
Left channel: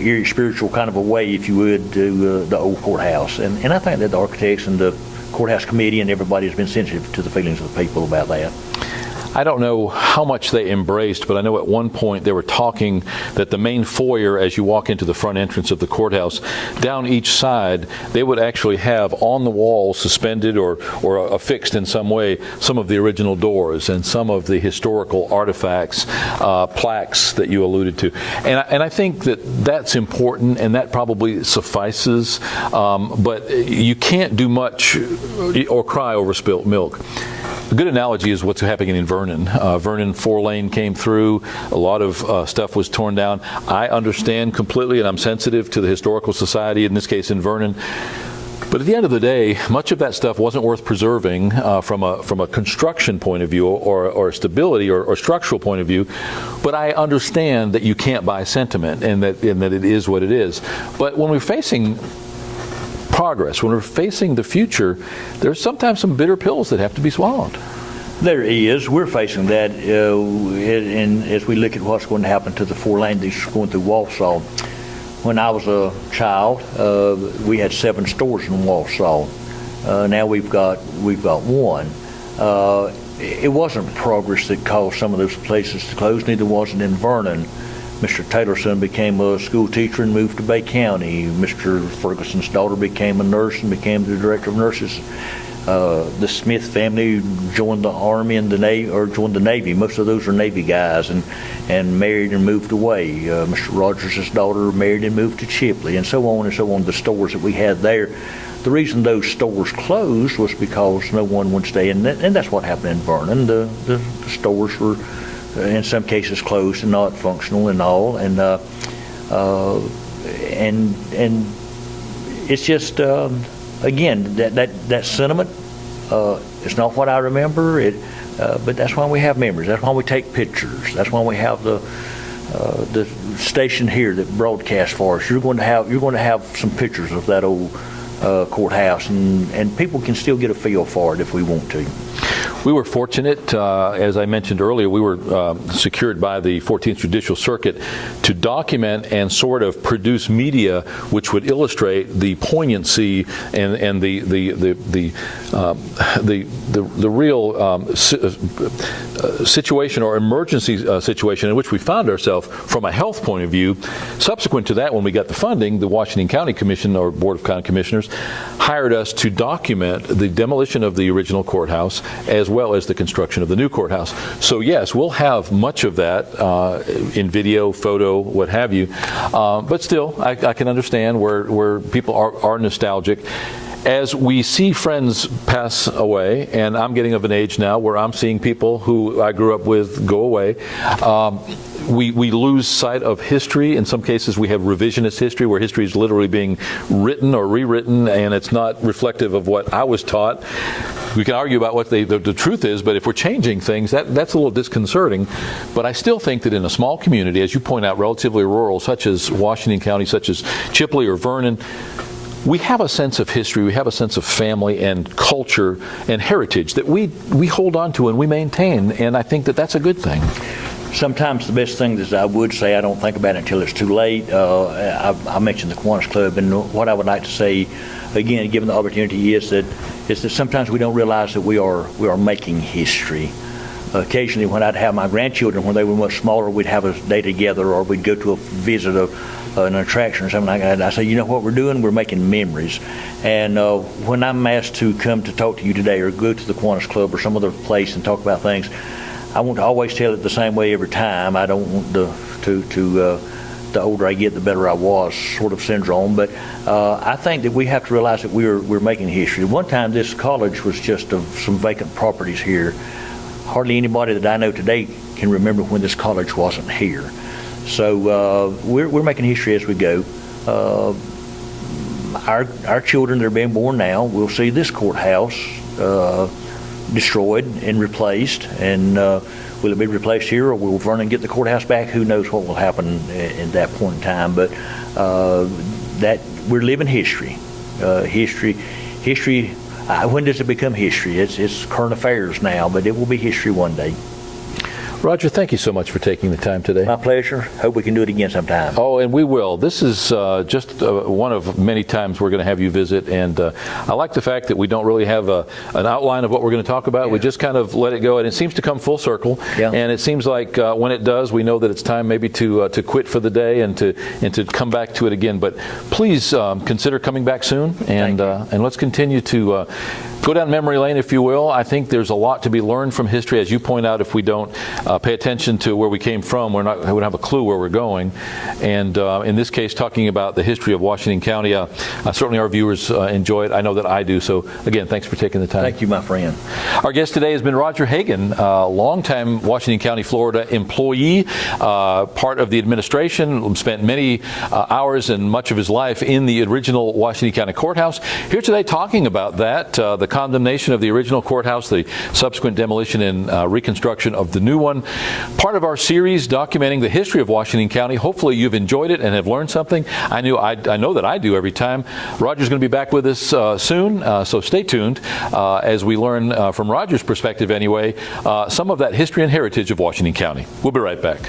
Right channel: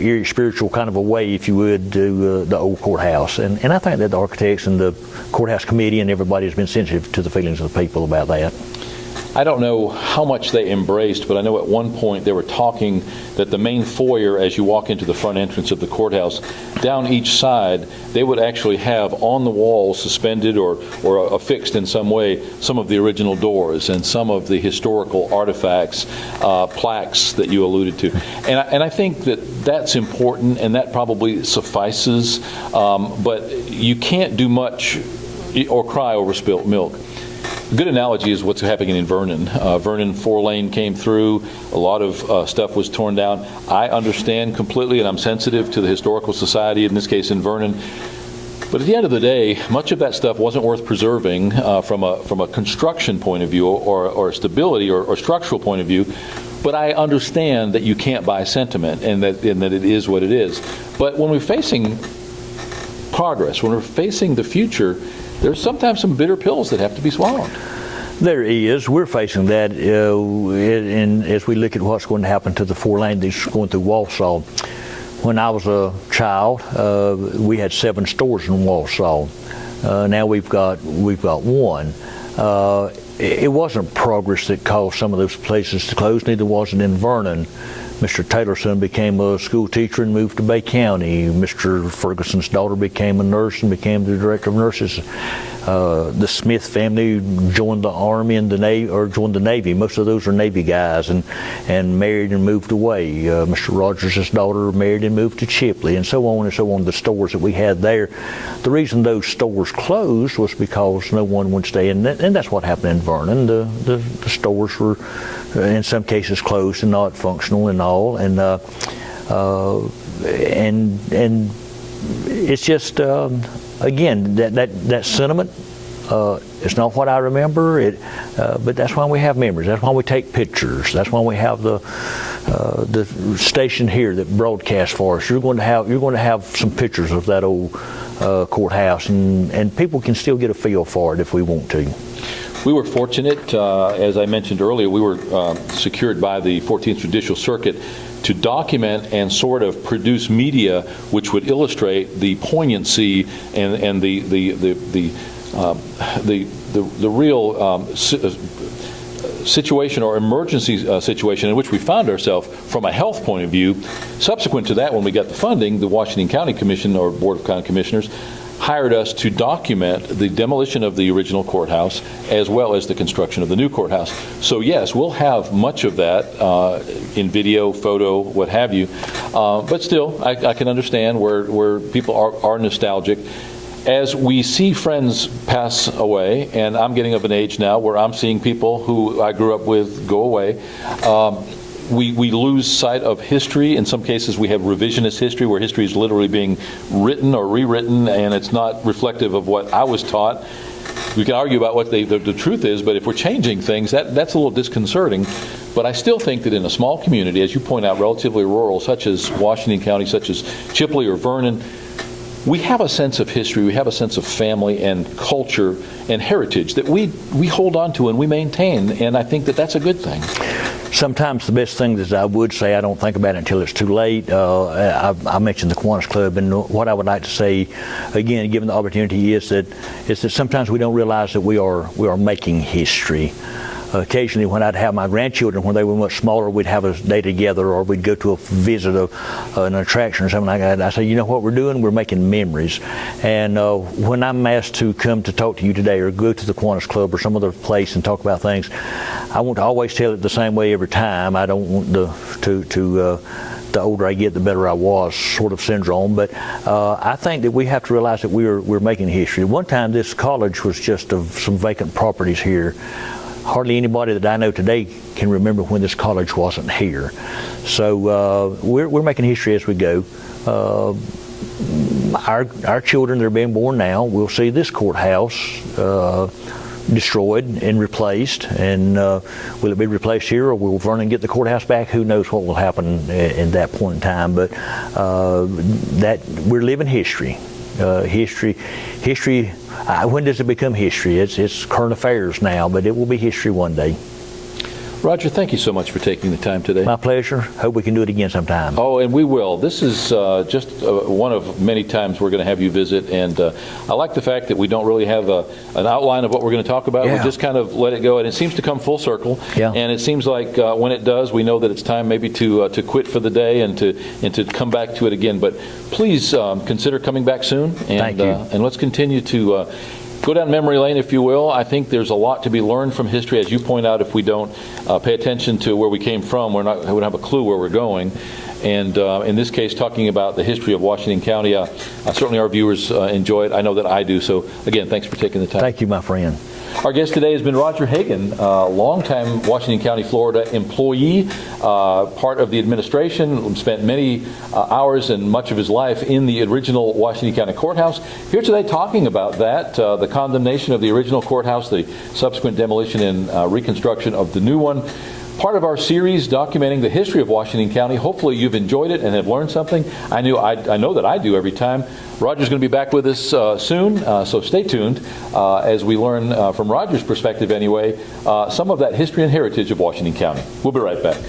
eerie spiritual kind of a way, if you would, to the old courthouse. And I think that the architects and the courthouse committee and everybody has been sensitive to the feelings of the people about that. I don't know how much they embraced, but I know at one point they were talking that the main foyer, as you walk into the front entrance of the courthouse, down each side, they would actually have on the wall, suspended or affixed in some way, some of the original doors and some of the historical artifacts, plaques that you alluded to. And I think that that's important, and that probably suffices, but you can't do much or cry over spilt milk. A good analogy is what's happening in Vernon. Vernon 4-lane came through. A lot of stuff was torn down. I understand completely, and I'm sensitive to the Historical Society, in this case in Vernon. But at the end of the day, much of that stuff wasn't worth preserving from a construction point of view or stability or structural point of view. But I understand that you can't buy sentiment and that it is what it is. But when we're facing progress, when we're facing the future, there's sometimes some bitter pills that have to be swallowed. There is. We're facing that, and as we look at what's going to happen to the 4-lane that's going through Walsall. When I was a child, we had 7 stores in Walsall. Now we've got one. It wasn't progress that caused some of those places to close. Neither was it in Vernon. Mr. Taylor's son became a school teacher and moved to Bay County. Mr. Ferguson's daughter became a nurse and became the director of nurses. The Smith family joined the Army and the Navy, or joined the Navy. Most of those are Navy guys, and married and moved away. Mr. Rogers' daughter married and moved to Chipley, and so on and so on. The stores that we had there. The reason those stores closed was because no one would stay in, and that's what happened in Vernon. The stores were, in some cases, closed and not functional and all, and it's just again that sentiment. It's not what I remember. But that's why we have memories. That's why we take pictures. That's why we have the station here that broadcasts for us. You're going to have some pictures of that old courthouse, and people can still get a feel for it if we want to. We were fortunate, as I mentioned earlier, we were secured by the 14th Judicial Circuit to document and sort of produce media which would illustrate the poignancy and the real situation or emergency situation in which we found ourselves from a health point of view. Subsequent to that, when we got the funding, the Washington County Commission, or Board of County Commissioners, hired us to document the demolition of the original courthouse as well as the construction of the new courthouse. So yes, we'll have much of that in video, photo, what have you. But still, I can understand where people are nostalgic. As we see friends pass away, and I'm getting of an age now where I'm seeing people who I grew up with go away, we lose sight of history. In some cases, we have revisionist history, where history is literally being written or rewritten, and it's not reflective of what I was taught. We can argue about what the truth is, but if we're changing things, that's a little disconcerting. But I still think that in a small community, as you point out, relatively rural, such as Washington County, such as Chipley or Vernon, we have a sense of history, we have a sense of family and culture and heritage that we hold on to and we maintain, and I think that that's a good thing. Sometimes the best thing is, I would say, I don't think about it until it's too late. I mentioned the Kiwanis Club, and what I would like to say, again, given the opportunity, is that sometimes we don't realize that we are making history. Occasionally, when I'd have my grandchildren, when they were much smaller, we'd have a day together, or we'd go to a visit an attraction or something like that. And I say, you know what we're doing? We're making memories. And when I'm asked to come to talk to you today, or go to the Kiwanis Club or some other place and talk about things, I want to always tell it the same way every time. I don't want the older I get, the better I was sort of syndrome. But I think that we have to realize that we're making history. One time, this college was just of some vacant properties here. Hardly anybody that I know today can remember when this college wasn't here. So we're making history as we go. Our children that are being born now will see this courthouse destroyed and replaced. And will it be replaced here, or will Vernon get the courthouse back? Who knows what will happen in that point in time. But that we're living history. History. When does it become history? It's current affairs now, but it will be history one day. Roger, thank you so much for taking the time today. My pleasure. Hope we can do it again sometime. Oh, and we will. This is just one of many times we're going to have you visit, and I like the fact that we don't really have an outline of what we're going to talk about. Yeah. We just kind of let it go, and it seems to come full circle. Yeah. And it seems like when it does, we know that it's time maybe to quit for the day and to come back to it again. But please consider coming back soon, and Thank you. And let's continue to go down memory lane, if you will. I think there's a lot to be learned from history. As you point out, if we don't pay attention to where we came from, we wouldn't have a clue where we're going. And in this case, talking about the history of Washington County, certainly our viewers enjoy it. I know that I do. So, again, thanks for taking the time. Thank you, my friend. Our guest today has been Roger Hagan, longtime Washington County, Florida employee, part of the administration, spent many hours and much of his life in the original Washington County Courthouse. Here today talking about that, the condemnation of the original courthouse, the subsequent demolition and reconstruction of the new one. Part of our series documenting the history of Washington County. Hopefully you've enjoyed it and have learned something. I know that I do every time. Roger's going to be back with us soon, so stay tuned as we learn from Roger's perspective anyway, some of that history and heritage of Washington County. We'll be right back.